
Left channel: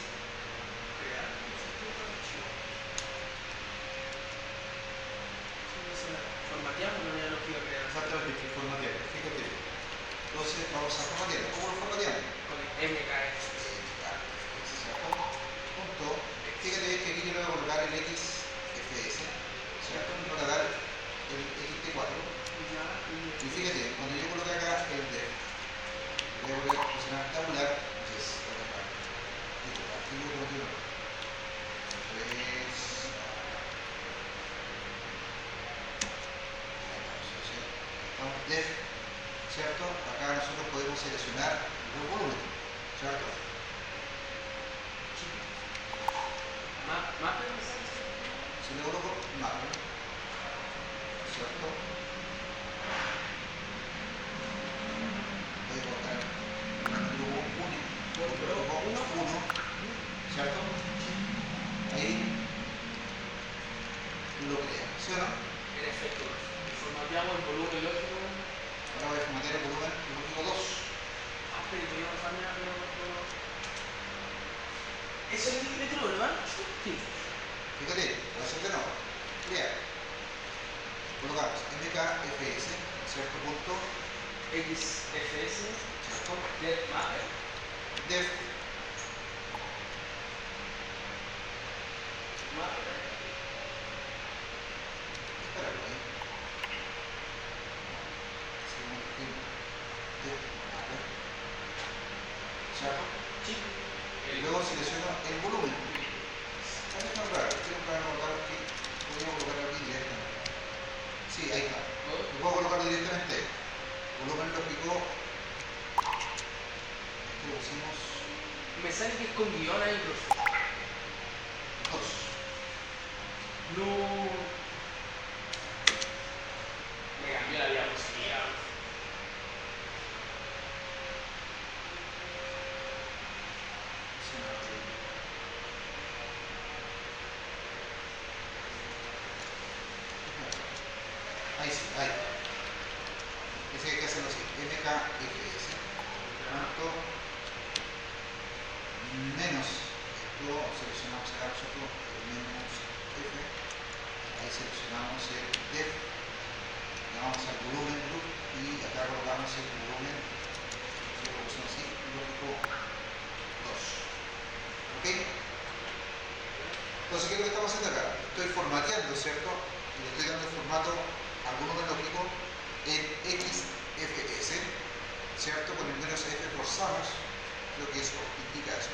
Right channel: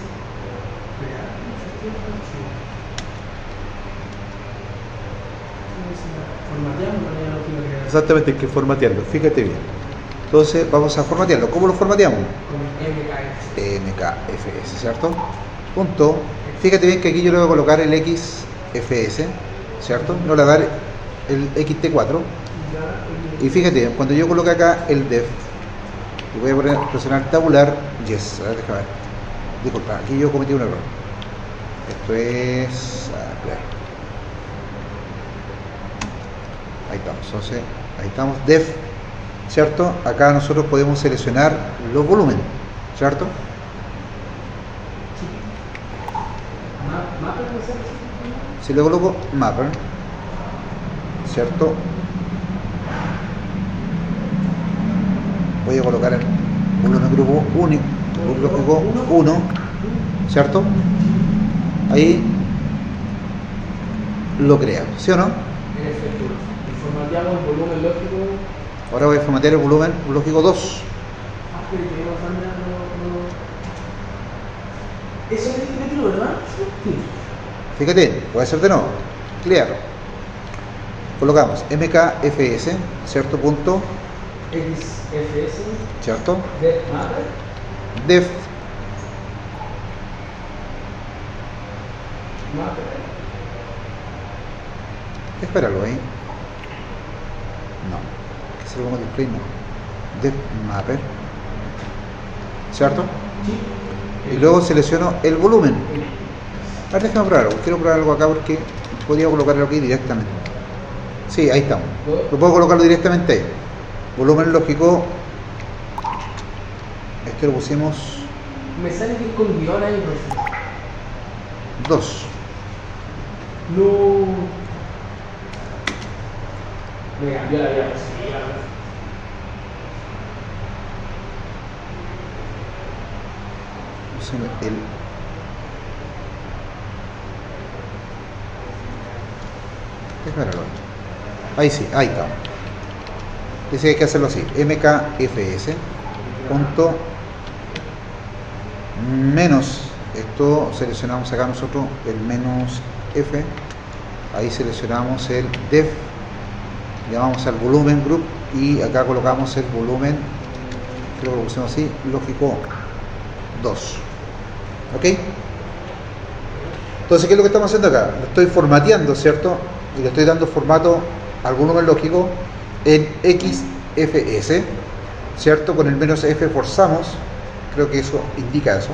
exactamente que formatearlo, fíjate bien. Entonces vamos a formatearlo. ¿Cómo lo formateamos? Con MKFS, ¿cierto? Punto. Fíjate bien que aquí yo le voy a colocar el XFS, ¿cierto? No le voy a dar el XT4. Y fíjate, cuando yo coloque acá el def, y voy a presionar tabular, yes. A ver, déjame ver. Disculpa, aquí yo cometí un error. Esto es... ahí estamos, entonces, ahí estamos, def, ¿cierto? Acá nosotros podemos seleccionar los volúmenes, ¿cierto? Si le coloco mapper, ¿cierto? Voy a colocar el volumen grupo único, grupo 1, ¿cierto? Ahí lo crea, ¿sí o no? En efecto, formateamos el volumen lógico. Ahora voy a formatear el volumen lógico 2. Pero eso es el que metió, ¿verdad? Sí. Fíjate, puede ser de nuevo. Clear. colocamos mkfs, ¿cierto? Punto, XFS, ¿cierto? def mapper, Def mapper, espéralo ahí. No, que se lo pongo display, no. Def mapper, ¿cierto? sí, Y luego selecciono el volumen. Ahora déjame probar algo. Quiero probar algo acá porque podría colocarlo aquí directamente. Sí, ahí estamos. Lo puedo colocarlo directamente ahí. Volumen lógico. Este lo pusimos me sale que es con guión ahí, profe. 2. No. Me cambió la diapositiva. Pusimos el. Espéralo. Ahí sí, ahí está. Dice que hay que hacerlo así. mkfs. Punto. Menos. Esto seleccionamos acá nosotros el menos f. Ahí seleccionamos el def. Llamamos al volumen group y acá colocamos el volumen, creo que lo pusimos así, lógico 2. ¿Ok? Entonces, ¿qué es lo que estamos haciendo acá? Lo estoy formateando, ¿cierto? Y le estoy dando formato al volumen lógico en XFS, ¿cierto? Con el menos F forzamos, creo que eso indica eso.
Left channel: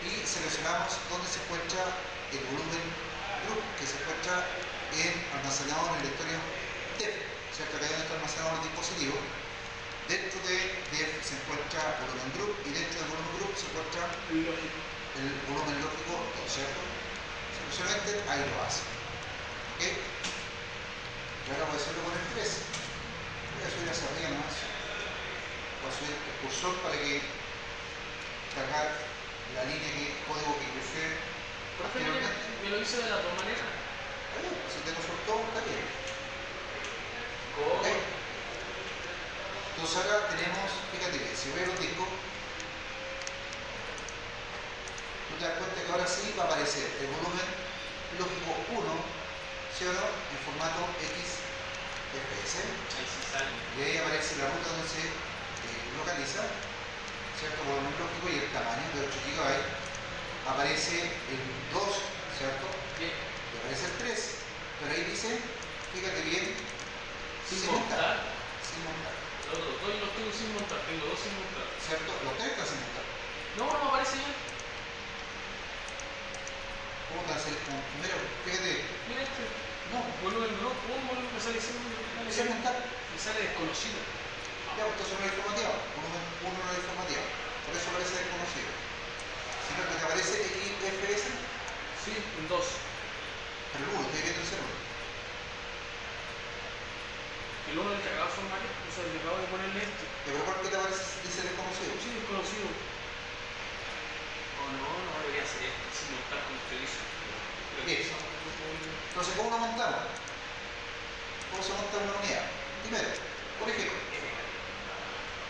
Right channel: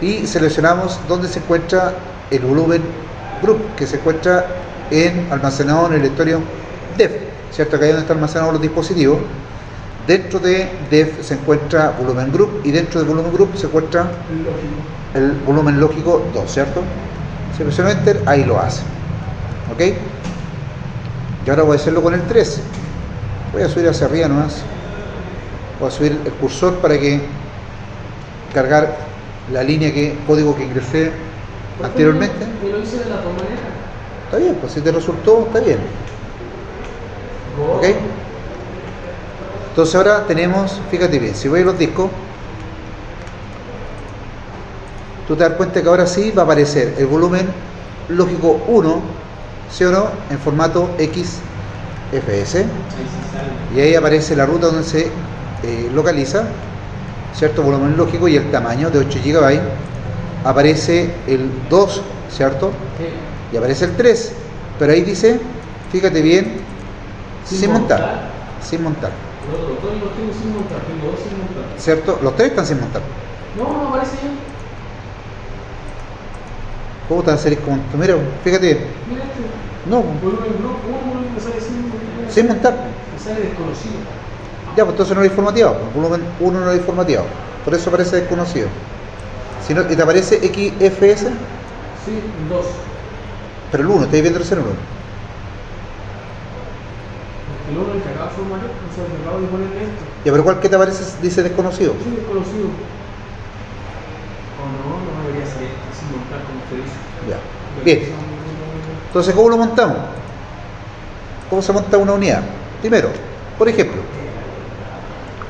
Y seleccionamos dónde se encuentra el volumen group, que se encuentra almacenado en el directorio def, ¿cierto? Que ahí donde están almacenados los dispositivos. Dentro de def se encuentra volumen group y dentro del volumen group se encuentra el volumen lógico 2, ¿cierto? Selecciono enter, ahí lo hace. ¿Ok? Y ahora voy a hacerlo con el 3. Voy a subir hacia arriba nomás. Voy a subir el cursor para que cargar la línea código que ingresé anteriormente. Me lo hice de la otra manera. Está bien, pues si te resultó, está bien. ¿Ok? Entonces ahora tenemos, fíjate bien, si voy a los discos, tú te das cuenta que ahora sí va a aparecer el volumen lógico 1, ¿sí o no? En formato XFS. Y ahí aparece la ruta donde se localiza, ¿cierto? Volumen lógico y el tamaño de 8 GB. Aparece el 2, ¿cierto? Y aparece el 3. Pero ahí dice, fíjate bien, sin montar. Sin montar. Los dos los tengo sin montar, tengo dos sin montar. ¿Cierto? Los 3 están sin montar. No aparece ya. ¿Cómo te van a salir como mira, fíjate bien. Mira este. No, Volumen group 1, volumen me sale sin montar. sin montar. Me sale desconocido. Ya, pues entonces no lo hay formateado. El volumen 1 no lo hay formateado. Por eso aparece desconocido. Si no, y te aparece XFS, Sí, 2. pero el 1, estoy viendo el 0. El 1 el que acaba de formar, o sea, el que acabo de ponerle esto. Ya, pero ¿cuál que te aparece dice desconocido? Sí, desconocido. O no debería ser esto, sin montar como usted dice. Ya. Bien. Entonces, ¿cómo lo montamos? ¿Cómo se monta una unidad? Primero, por ejemplo,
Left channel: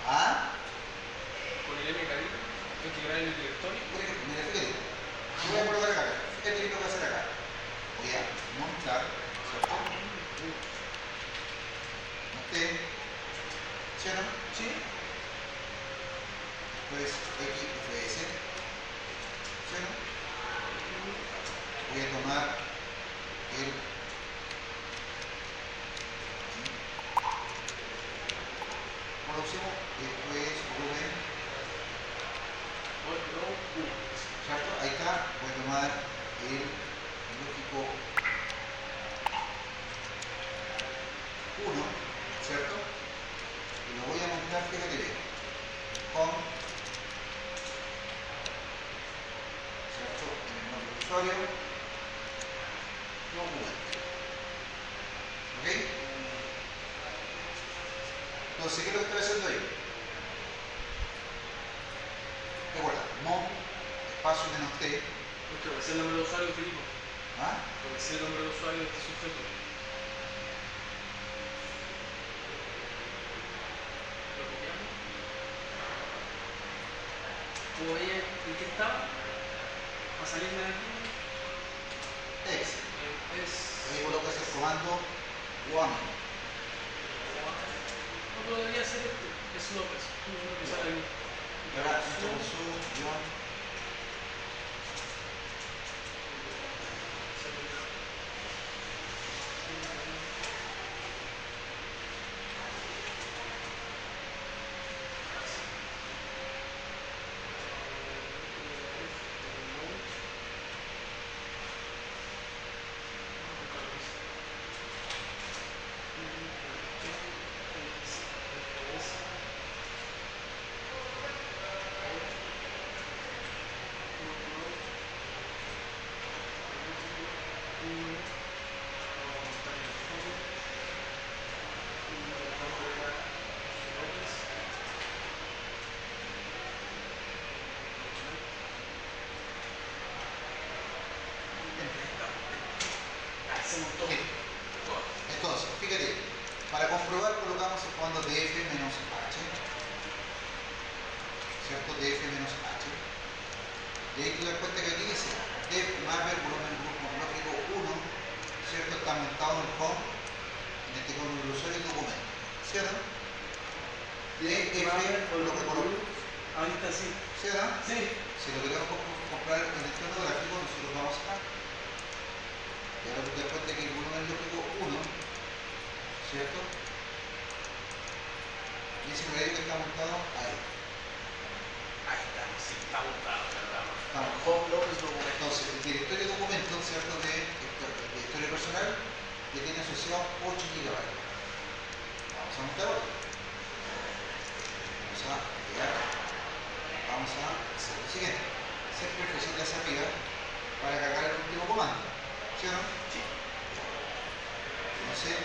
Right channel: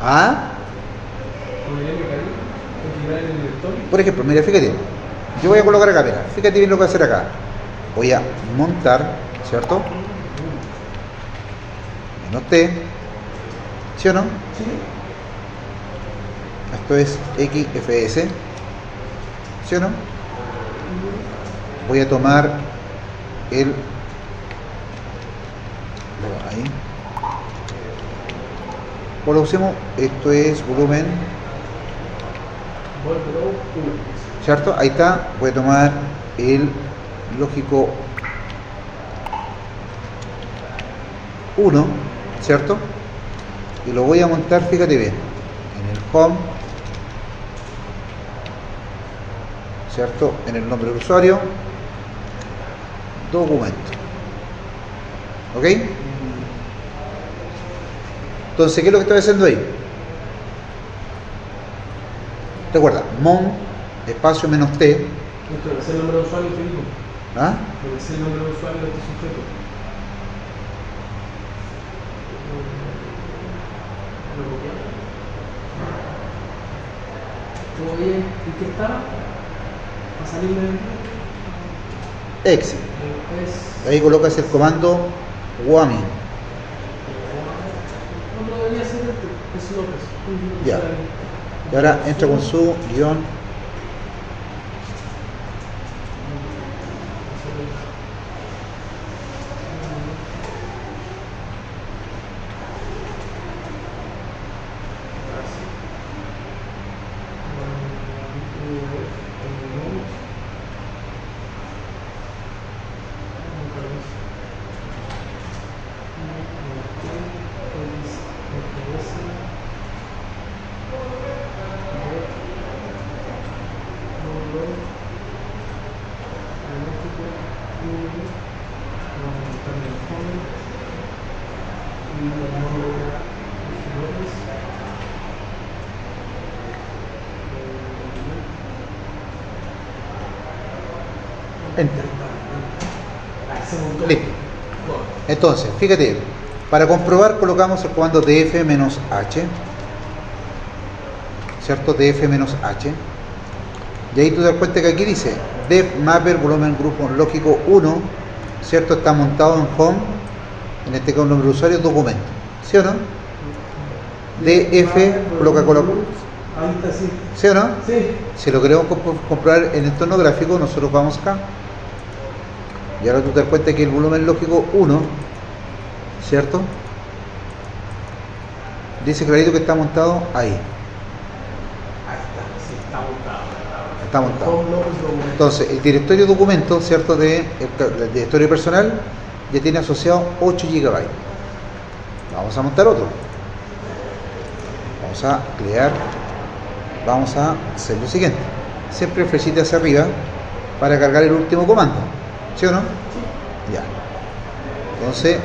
Con el MKI, equilibrar el directorio. por ejemplo, mira, fíjate, yo voy a colocar acá, mira, fíjate bien lo que voy a hacer acá. Voy a montar, ¿cierto? T, ¿sí o no? Sí. Esto es XFS, ¿sí o no? Voy a tomar el... ahí. Por lo que usemos, esto es volumen, ¿cierto? Ahí está. Voy a tomar el lógico 1, ¿cierto? Y lo voy a montar, fíjate bien, en el home, ¿cierto? En el nombre del usuario, documento. ¿Ok? Entonces, ¿qué es lo que estoy haciendo ahí? Recuerda, mon, espacio menos t. Esto debe ser el nombre de usuario que digo. ¿Ah? Debe ser el nombre de usuario de este sujeto. Lo copiamos. ¿Todo bien? ¿Y qué está? ¿Va a salir del Exit. Ahí colocas el comando Guami. No debería ser es López. Ya. Y ahora entra con su guión. Enter. Listo. Entonces, fíjate, para comprobar colocamos el comando df-h, ¿cierto? df-h. Y ahí tú te das cuenta que aquí dice def mapper volumen grupo lógico 1, ¿cierto? Está montado en home, en este caso nombre de usuario, documento, ¿sí o no? df coloca. Ahí está, sí. ¿Sí o no? Sí. Si lo queremos comprobar en entorno gráfico, nosotros vamos acá. Y ahora tú te das cuenta que el volumen lógico 1, ¿cierto? Dice clarito que está montado ahí. Ahí está, sí, está montado. Está montado. Home López documento. Entonces, el directorio documento, ¿cierto? Del directorio personal ya tiene asociado 8 GB. Vamos a montar otro. Vamos a crear. Vamos a hacer lo siguiente. Siempre flechita hacia arriba para cargar el último comando. ¿Sí o no? Sí. Ya. Entonces,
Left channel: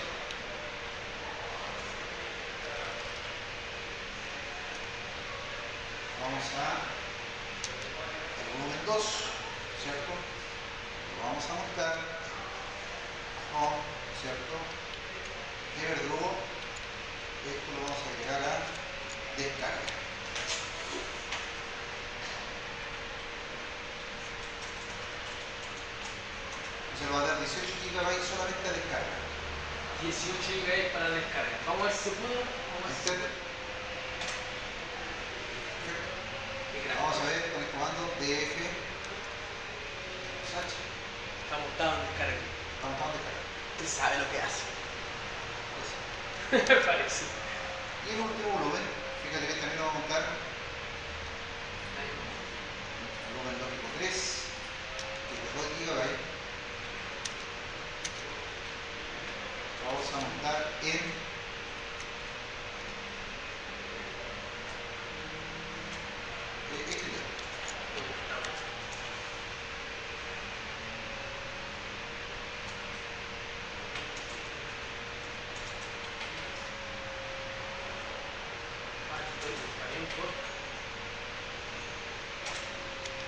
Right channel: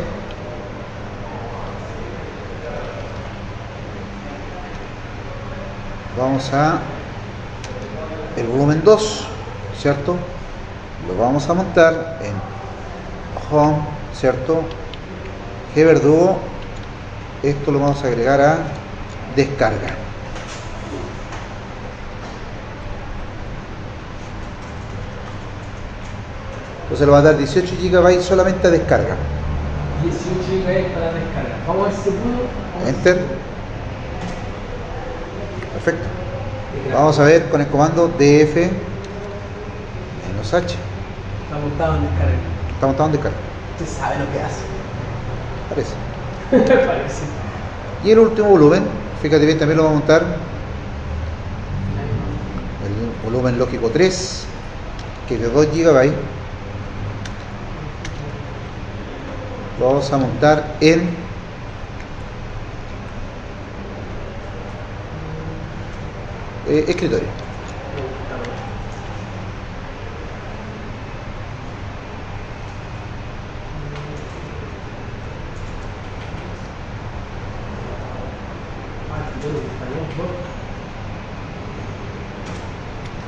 vamos a el volumen 2, ¿cierto? Lo vamos a montar en home, ¿cierto? Gverdugo. Esto lo vamos a agregar a descarga. Entonces lo va a dar 18 GB solamente a descarga. 18 GB para descarga. Vamos a ver si se pudo. Enter. Perfecto. Vamos a ver con el comando df-h. Está montado en descarga. Está montado en descarga. Usted sabe lo que hace. Parece. Parece. Y el último volumen, fíjate bien, también lo vamos a montar. El volumen lógico 3, que es de 2 GB. Lo vamos a montar en escritorio.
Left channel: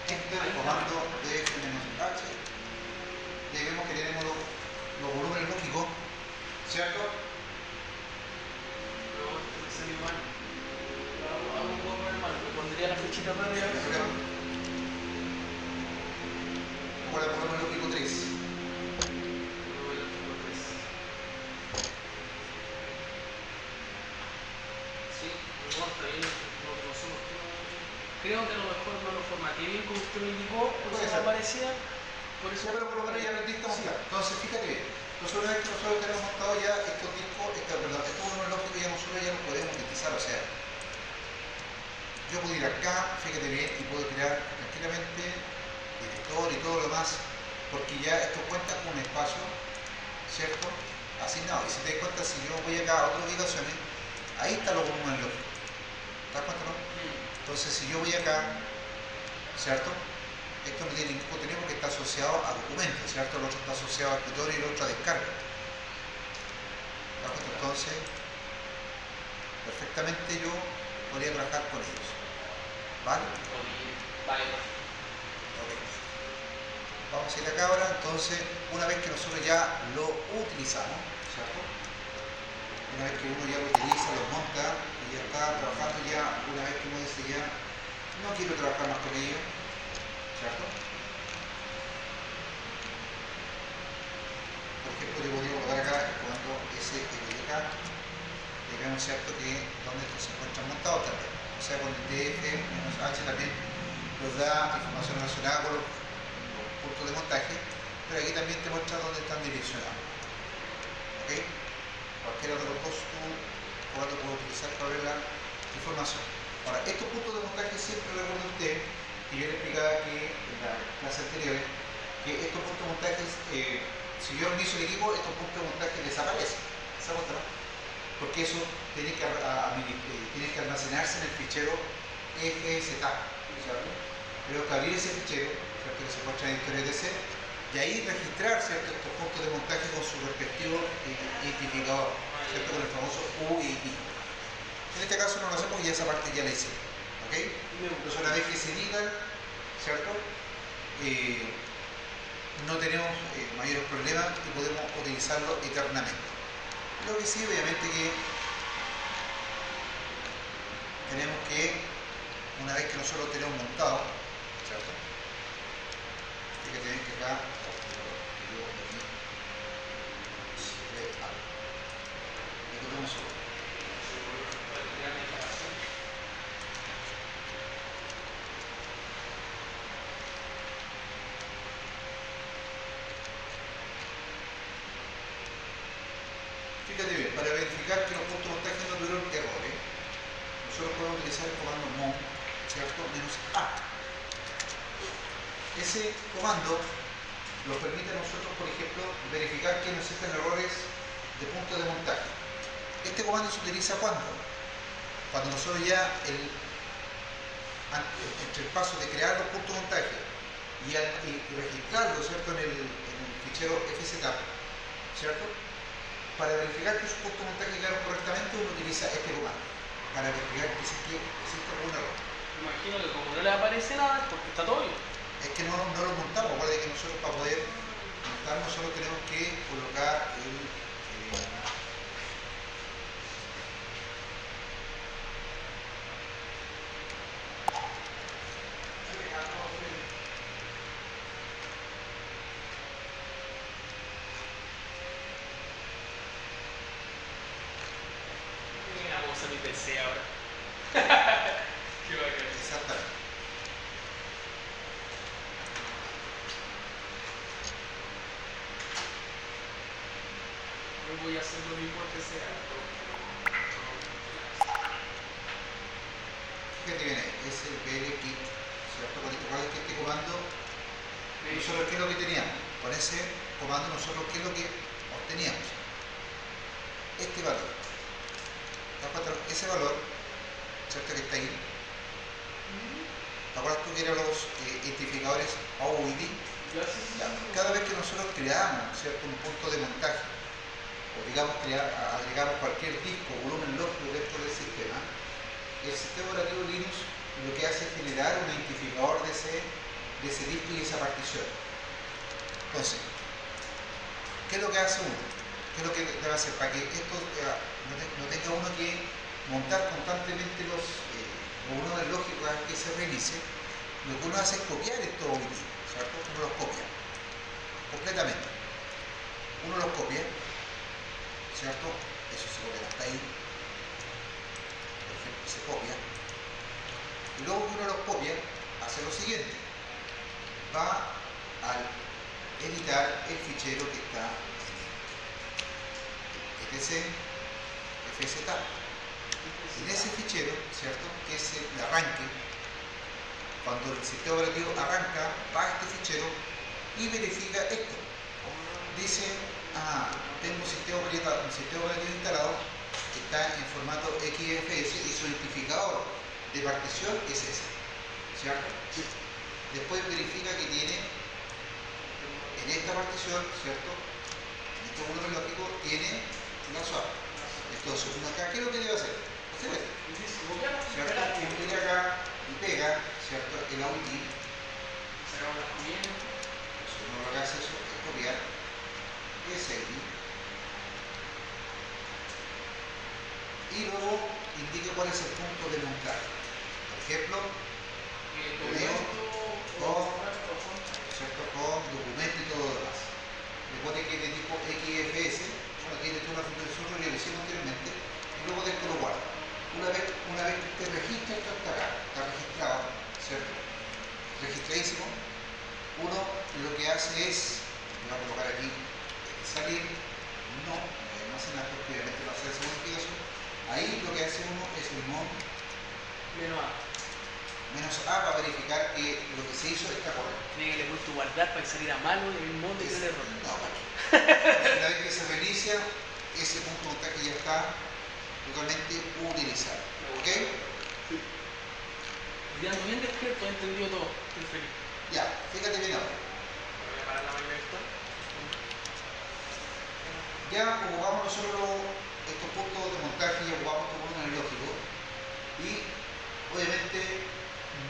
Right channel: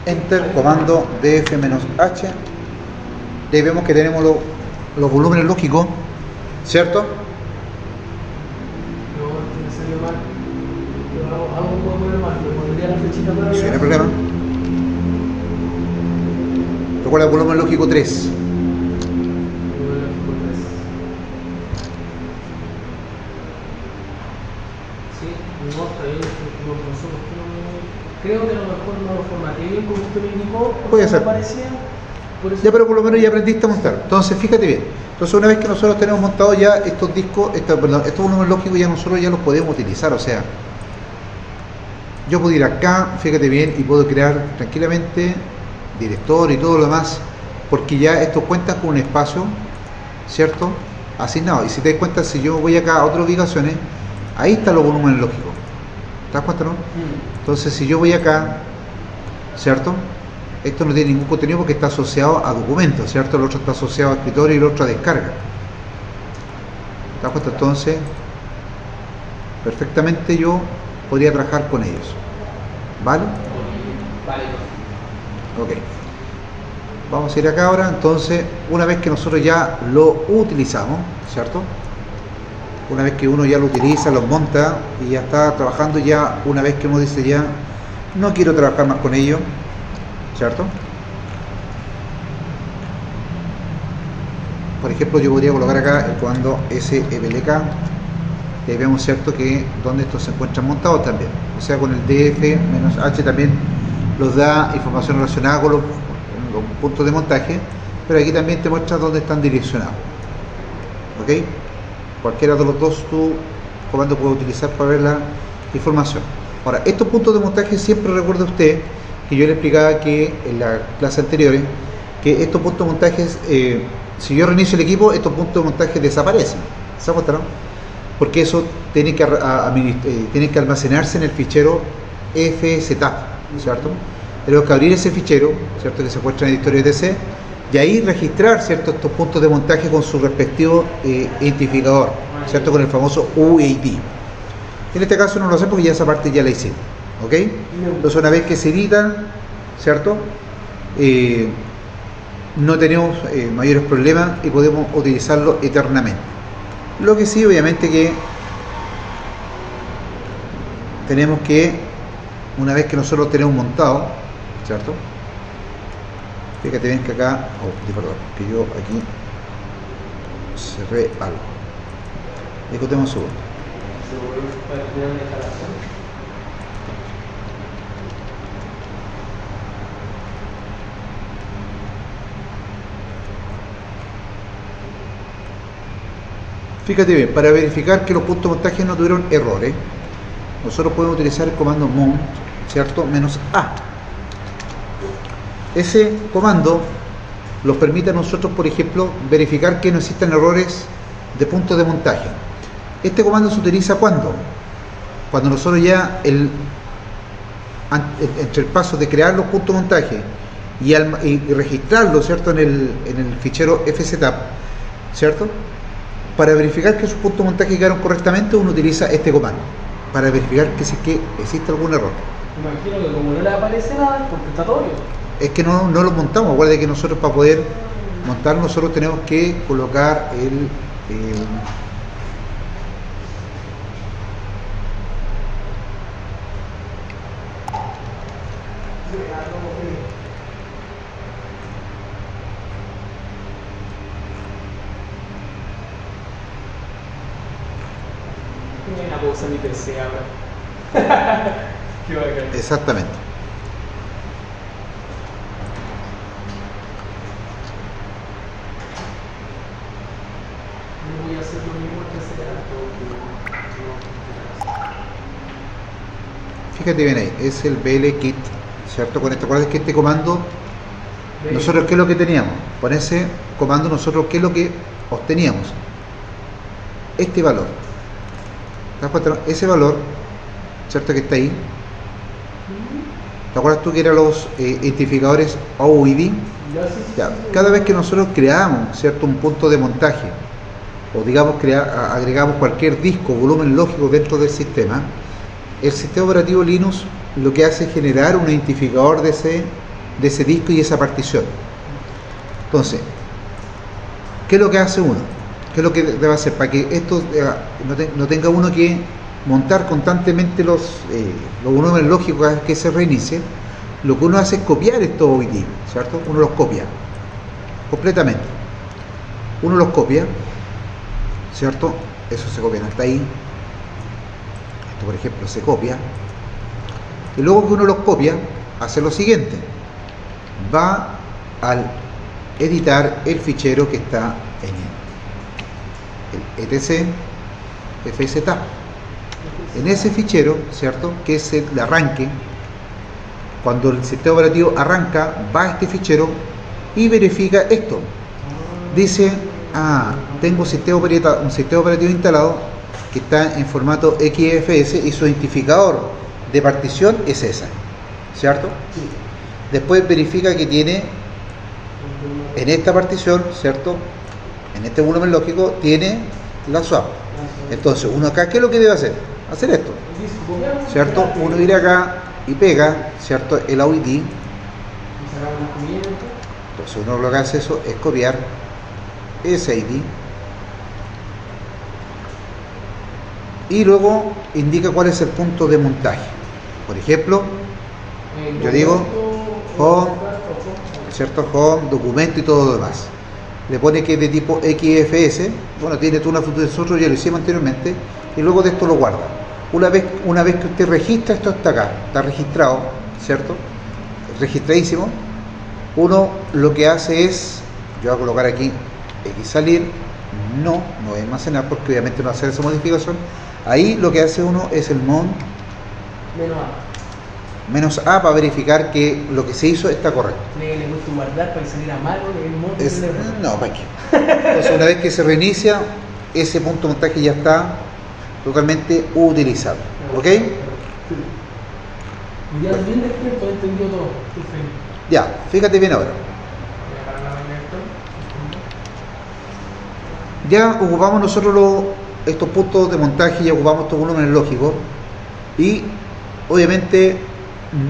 Enter, comando df-h. Y ahí vemos que tenemos los volúmenes lógicos, ¿cierto? No, me salió mal. Pero hago un poco mal, me pondría la flechita para Sí, no hay arriba. problema. Recuerda el volumen lógico 3. Sí, no, está bien, no sé por qué no. Creo que a lo mejor no lo formateé bien como usted me indicó. Puede ser. Aparecía, por eso. Ya, pero por lo menos ya aprendiste a montar. Entonces, fíjate bien. Entonces, una vez que nosotros tenemos montado ya estos discos, estos volúmenes lógicos, ya nosotros ya los podemos utilizar. O sea, yo puedo ir acá, fíjate bien, y puedo crear tranquilamente directorio y todo lo demás, porque ya estos cuentan con un espacio, ¿cierto? Asignado. Y si te das cuenta, si yo voy acá a otras ubicaciones, ahí están los volúmenes lógicos. ¿Te das cuenta, no? Entonces, si yo voy acá, ¿cierto? Esto no tiene ningún contenido porque está asociado a documentos, ¿cierto? El otro está asociado a escritorio y el otro a descarga. ¿Te das cuenta? Entonces, perfectamente yo podría trabajar con ellos. ¿Vale? Vale. Ok. Vamos a ir acá ahora. Entonces, una vez que nosotros ya lo utilizamos, ¿cierto? Una vez que uno ya lo utiliza, lo monta y ya está trabajando, ya una vez que uno dice ya no quiero trabajar más con ello, ¿cierto? por ejemplo, yo podría colocar acá el comando SFLK, y ahí vemos, ¿cierto?, que donde estos se encuentran montados también. O sea, con el DF-H también los da información relacionada con los puntos de montaje, pero aquí también te muestra dónde están direccionados. ¿Ok? Cualquiera de los dos tu comando puede utilizar para ver la información. Ahora, estos puntos de montaje, siempre recuerde usted que yo le explicaba que en la clase anterior, que estos puntos de montaje, si yo reinicio el equipo, estos puntos de montaje desaparecen. ¿Se acuerdan? Porque eso tiene que almacenarse en el fichero FZAP, ¿cierto? Tenemos que abrir ese fichero, ¿cierto?, que se encuentra en el editorio ETC, y ahí registrar, ¿cierto?, estos puntos de montaje con su respectivo identificador, ¿cierto?, con el famoso UID. En este caso no lo sé porque ya esa parte ya la hicimos, ¿ok? Entonces, una vez que se edita, ¿cierto?, no tenemos mayores problemas y podemos utilizarlo eternamente. Lo que sí, obviamente, que tenemos que, una vez que nosotros tenemos montado, ¿cierto? Fíjate bien que acá, perdón, que yo aquí cerré algo. Discutemos un segundo. Fíjate bien, para verificar que los puntos de montaje no tuvieron errores, nosotros podemos utilizar el comando mount, ¿cierto?, -A. Ese comando nos permite a nosotros, por ejemplo, verificar que no existan errores de puntos de montaje. Este comando se utiliza cuando nosotros ya entre el paso de crear los puntos de montaje y registrarlos, ¿cierto?, en el fichero FZAP, ¿cierto?, para verificar que sus puntos de montaje quedaron correctamente, uno utiliza este comando para verificar que existe algún error. Imagino que como no le aparece nada, porque está todo bien. Es que no lo montamos. Acuérdate que nosotros, para poder montar, nosotros tenemos que colocar el Voy a usar mi PC ahora. Qué bacán. exactamente. Voy a hacer lo mismo que hacer. Fíjate bien ahí, es el BL-Kit, ¿cierto? Con este, ¿acuerdas que este comando, nosotros qué es lo que teníamos? Con ese comando nosotros qué es lo que obteníamos? Este valor. ¿Te das cuenta? Ese valor, ¿cierto?, que está ahí. ¿Te acuerdas tú que eran los identificadores OID? Ya, cada vez que nosotros creamos, ¿cierto?, un punto de montaje, o digamos agregamos cualquier disco o volumen lógico dentro del sistema, el sistema operativo Linux lo que hace es generar un identificador de ese disco y esa partición. Entonces, ¿qué es lo que hace uno? ¿Qué es lo que debe hacer? Para que esto no tenga uno que montar constantemente los volúmenes lógicos cada vez que se reinicie, lo que uno hace es copiar estos OID, ¿cierto? Uno los copia completamente. Uno los copia, ¿cierto? Eso se copia hasta ahí. Esto, por ejemplo, se copia. Y luego que uno los copia, hace lo siguiente. Va al editar el fichero que está en el etc FZAP. En ese fichero, ¿cierto?, que es el arranque, cuando el sistema operativo arranca, va a este fichero y verifica esto. Dice, tengo un sistema operativo instalado que está en formato XFS y su identificador de partición es esa, ¿cierto? Sí. Después verifica que tiene en esta partición, ¿cierto?, en este volumen lógico tiene la swap. Entonces, uno acá, ¿qué es lo que debe hacer? Hacer esto, ¿cierto? Uno ir acá y pega, ¿cierto?, el OID. Entonces, uno lo que hace eso es copiar ese ID y luego indica cuál es el punto de montaje. Por ejemplo, yo digo home, ¿cierto?, home, documento y todo lo demás. le pone que es de tipo XFS, bueno, tiene tú una foto de nosotros, ya lo hicimos anteriormente, y luego de esto lo guarda. Una vez que usted registra, esto está acá, está registrado, ¿cierto? Registradísimo. Uno lo que hace es, yo voy a colocar aquí X salir, no voy a almacenar porque obviamente no va a hacer esa modificación. Ahí lo que hace uno es el mount menos A para verificar que lo que se hizo está correcto. Le gusta guardar para que saliera mal o el modo No, ¿para qué? Entonces una vez que se reinicia, ese punto de montaje ya está totalmente utilizable. ¿Ok? Sí. Y ya bien despierto, entendió todo. Estoy feliz. Ya, fíjate bien ahora. Voy a parar la máquina esto. Ya ocupamos nosotros estos puntos de montaje, ya ocupamos estos volúmenes lógicos y obviamente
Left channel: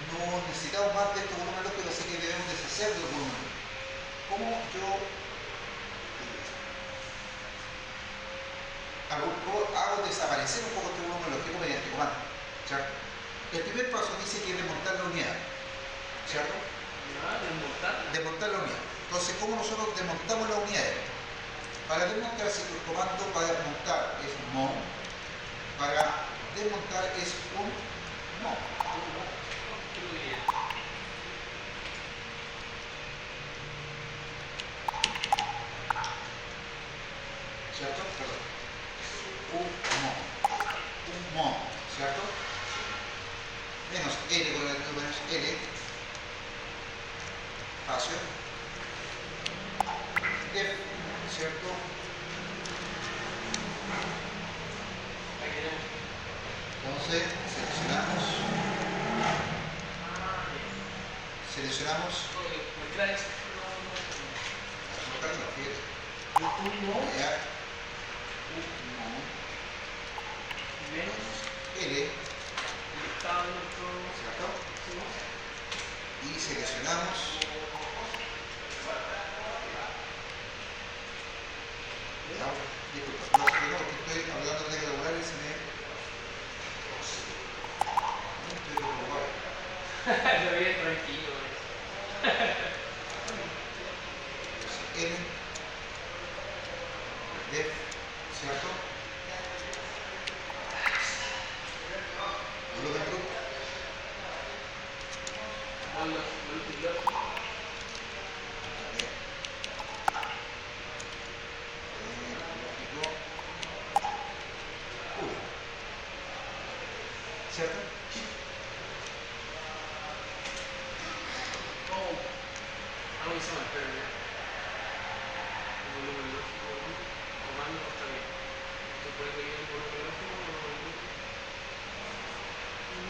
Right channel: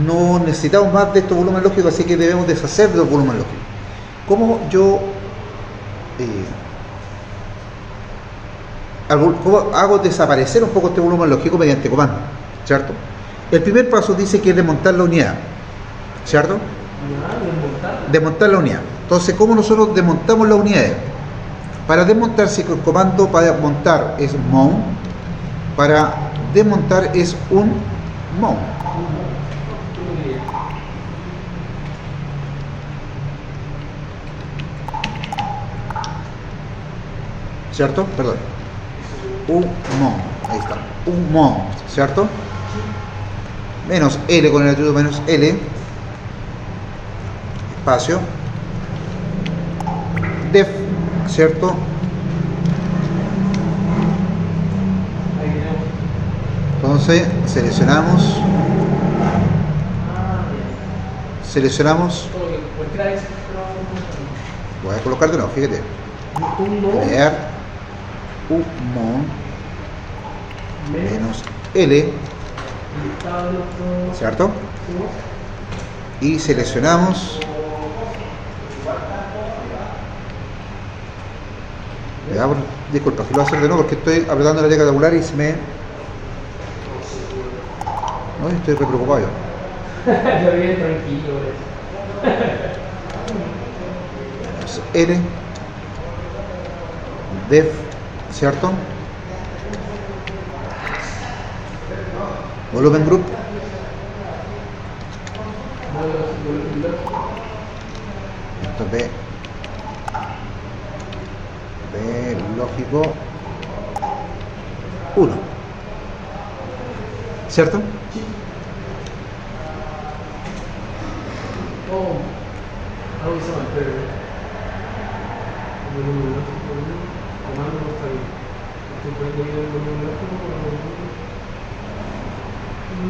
no necesitamos más de estos volúmenes lógicos, así que debemos deshacer de los volúmenes lógicos. ¿Cómo yo cómo hago desaparecer un poco este volumen lógico? Mediante comando, ¿cierto? El primer paso dice que es desmontar la unidad, ¿cierto? Desmontar la unidad. Entonces, ¿cómo nosotros desmontamos las unidades? Para desmontar, si el comando para montar es mount, para desmontar es un mount. ¿Cierto? Perdón. Un mount. Ahí está. Un mount, ¿cierto? Menos L con el atributo menos L. Espacio. Def, ¿cierto? Entonces seleccionamos, voy a colocar de nuevo, fíjate, crear un mount menos L, ¿cierto? Y seleccionamos, disculpa, si lo voy a hacer de nuevo porque estoy apretando la tecla tabular y se me... No, estoy re preocupado yo. Yo bien tranquilo. L, def, ¿cierto? Volumen group. Esto es de lógico 1, ¿cierto? Algo se llama pero volumen lógico, comando no está bien. Estoy poniendo bien el volumen lógico, no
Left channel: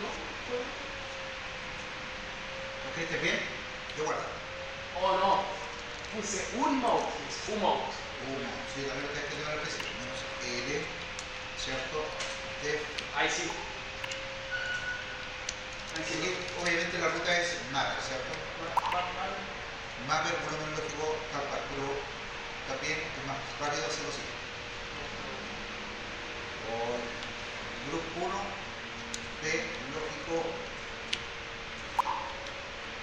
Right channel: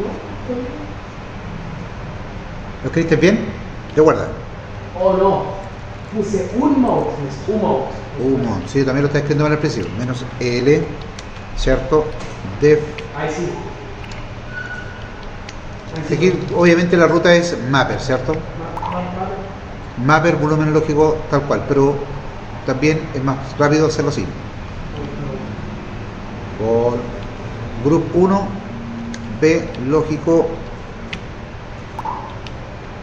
está bien. ¿Lo escribiste bien? Yo guarda. Oh no, puse un mount, un mount. Sí, también lo está escribiendo mal al principio. Menos L, ¿cierto? Def. Ahí sí. Aquí obviamente la ruta es mapper, ¿cierto? Mapper, volumen lógico tal cual, pero también es más rápido hacerlo así. Por group 1, B lógico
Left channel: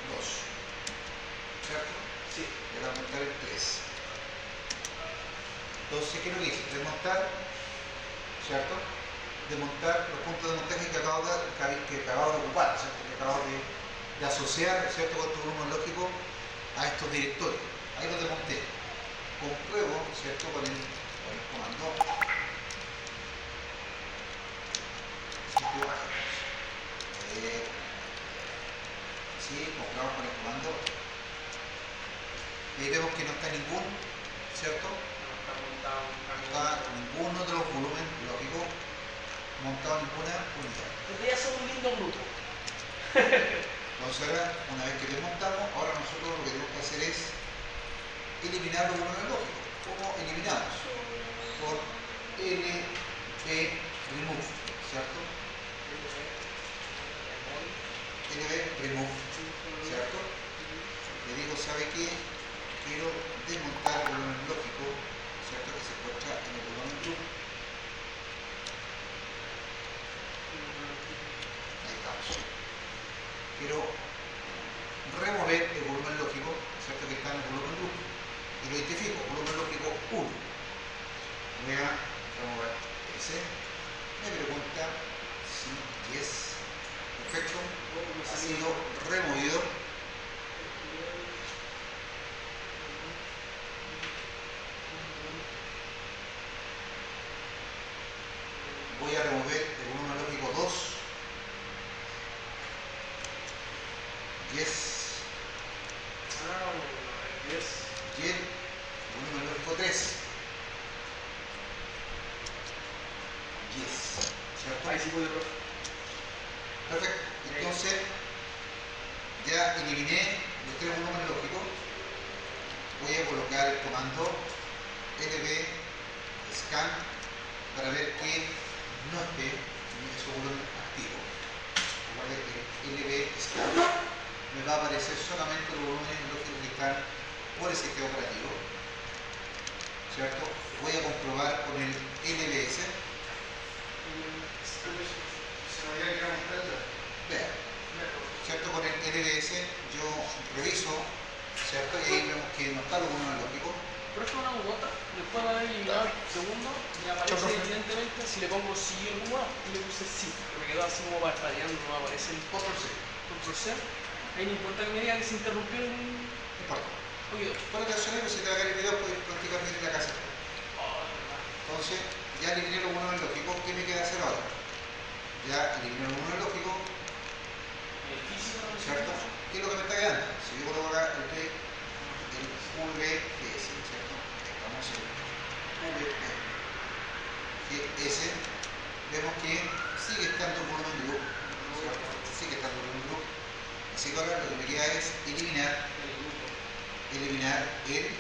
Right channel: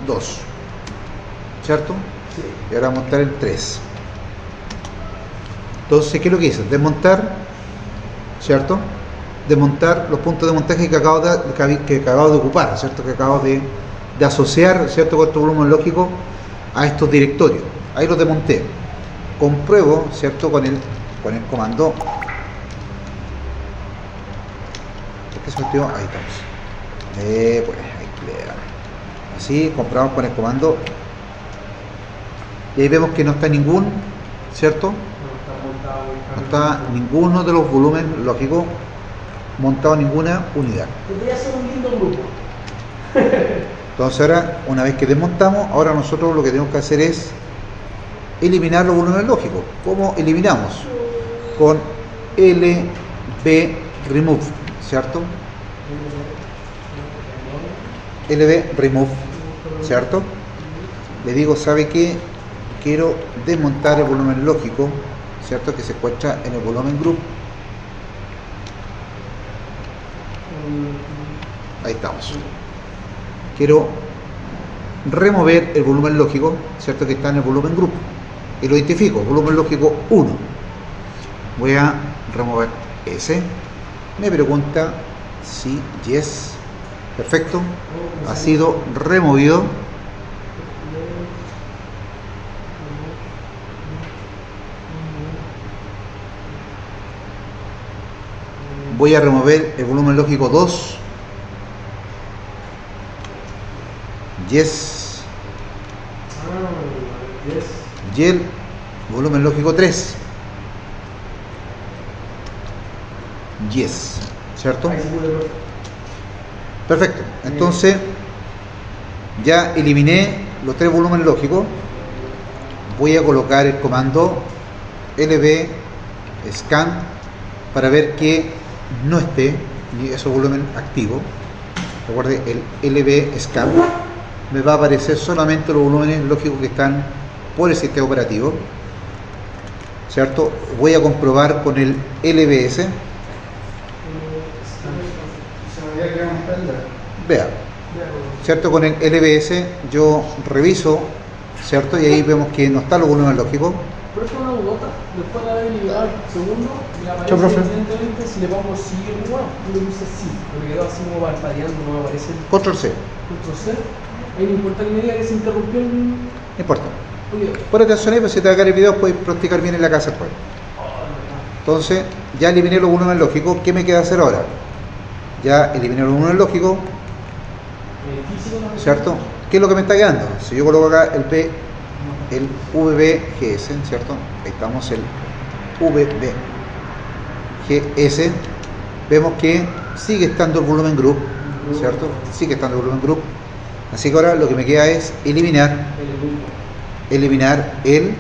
2, ¿cierto? Sí. Y ahora montar el 3. Entonces, ¿qué es lo que hice? Desmontar, ¿cierto? Desmontar los puntos de montaje que acabo de ocupar, ¿cierto? Que acabo de asociar, ¿cierto? Con este volumen lógico a estos directorios. Ahí los desmonté. Compruebo, ¿cierto? Con el comando. Ahí estamos. Pues, así, comprobamos con el comando. Y ahí vemos que no está ningún, ¿cierto? No está ninguno de los volúmenes lógicos montado en ninguna unidad. Podría ser un lindo grupo. Entonces ahora, una vez que desmontamos, ahora nosotros lo que tenemos que hacer es eliminar los volúmenes lógicos. ¿Cómo eliminamos? Con LB remove, ¿cierto? LB remove, ¿cierto? Le digo, ¿sabe qué? Quiero desmontar el volumen lógico, ¿cierto? Que se encuentra en el volumen group. Ahí estamos. Quiero remover el volumen lógico, ¿cierto? Que está en el volumen group. y lo identifico, volumen lógico 1. Voy a remover ese. Me pregunta si yes. Perfecto. Ha sido removido. Voy a remover el volumen lógico 2. Yes. Y el volumen lógico 3. Yes. ¿Cierto? Perfecto. Entonces, ya eliminé los 3 volúmenes lógicos. Voy a colocar el comando lb scan para ver que no esté ese volumen activo. Recuerde, el lb scan me va a aparecer solamente los volúmenes lógicos que están por el sistema operativo, ¿cierto? Voy a comprobar con el lbs. Vea, ¿cierto? Con el lbs yo reviso, ¿cierto? Y ahí vemos que no está los volúmenes lógicos. Pero esto es una bugota, después de haber eliminado el segundo, me aparece profe. evidentemente si le pongo sí o no, y le puse sí, porque quedó así como parpadeando, no me aparece el Control C, control C. Ahí no importa que me diga que se interrumpió el. no importa. Oye, Pon atención ahí, pues si te va a caer el video puedes practicar bien en la casa después. Entonces, ya eliminé los volúmenes lógicos. ¿Qué me queda hacer ahora? Ya eliminé los volúmenes lógicos, ¿cierto? ¿Qué es lo que me está quedando? Si yo coloco acá el VBGS, ¿cierto? Ahí estamos, el VBGS. Vemos que sigue estando el volumen group, ¿cierto? Sigue estando el volumen group. Así que ahora lo que me queda es eliminar el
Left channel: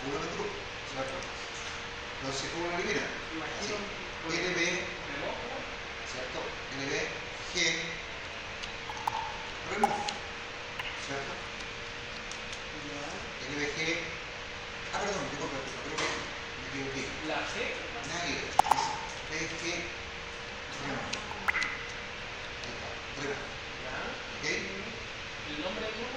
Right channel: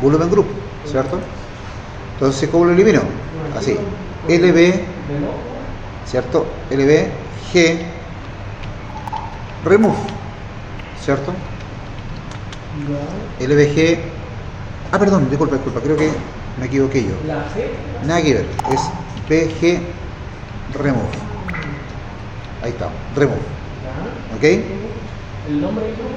volumen group, ¿cierto? Entonces, ¿cómo lo elimino? Así, LB, ¿cierto? LBG remove, ¿cierto? LBG, perdón, disculpa, creo que me equivoqué yo. La G. Nada que ver, es BG remove. Ahí está, remove. ¿Ok? El nombre del grupo.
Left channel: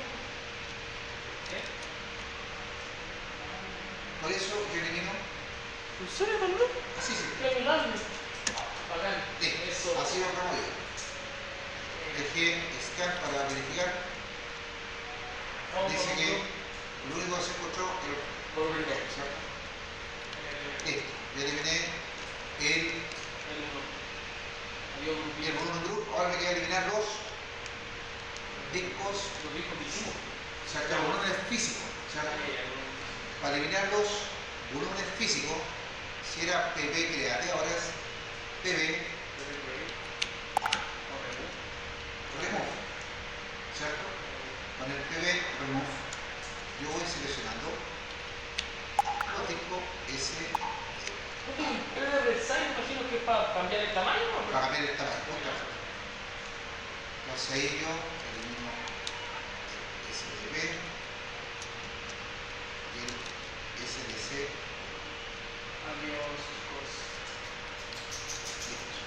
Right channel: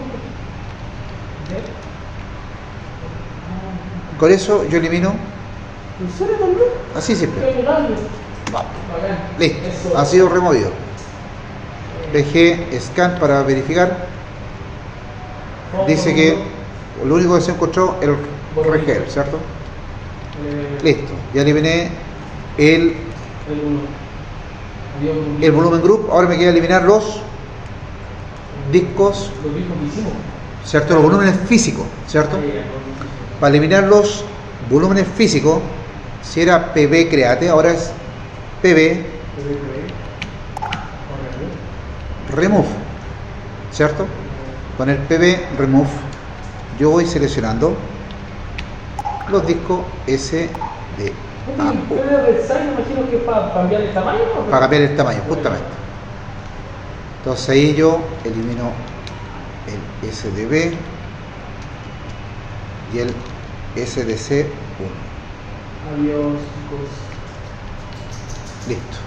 Con eso yo elimino, ¿En serio también? así siempre. Qué grande. Vamos. Bacán. Listo, Eso. ha sido removido. BG scan para verificar. Dice que lo único que se encontró era el regel, ¿cierto? Listo, ya eliminé el volumen group. Ahora me queda eliminar los discos, Los discos que hicimos. ¿cierto? Los volúmenes físicos, ¿cierto? Para eliminar los volúmenes físicos, si era PB create, ahora es PB remove, ¿cierto? Con el PB remove yo voy seleccionando los discos SD ¿PB Resize me imagino que es para cambiar el tamaño? ¿No? para cambiar el tamaño, justamente. Entonces ahí yo elimino el SDB y el SDC1. Adiós, chicos. Listo.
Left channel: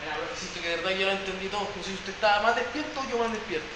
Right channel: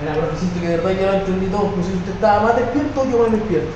Mira, pero siento que de verdad yo no entendí todo. No sé si usted estaba más despierto o yo más despierto.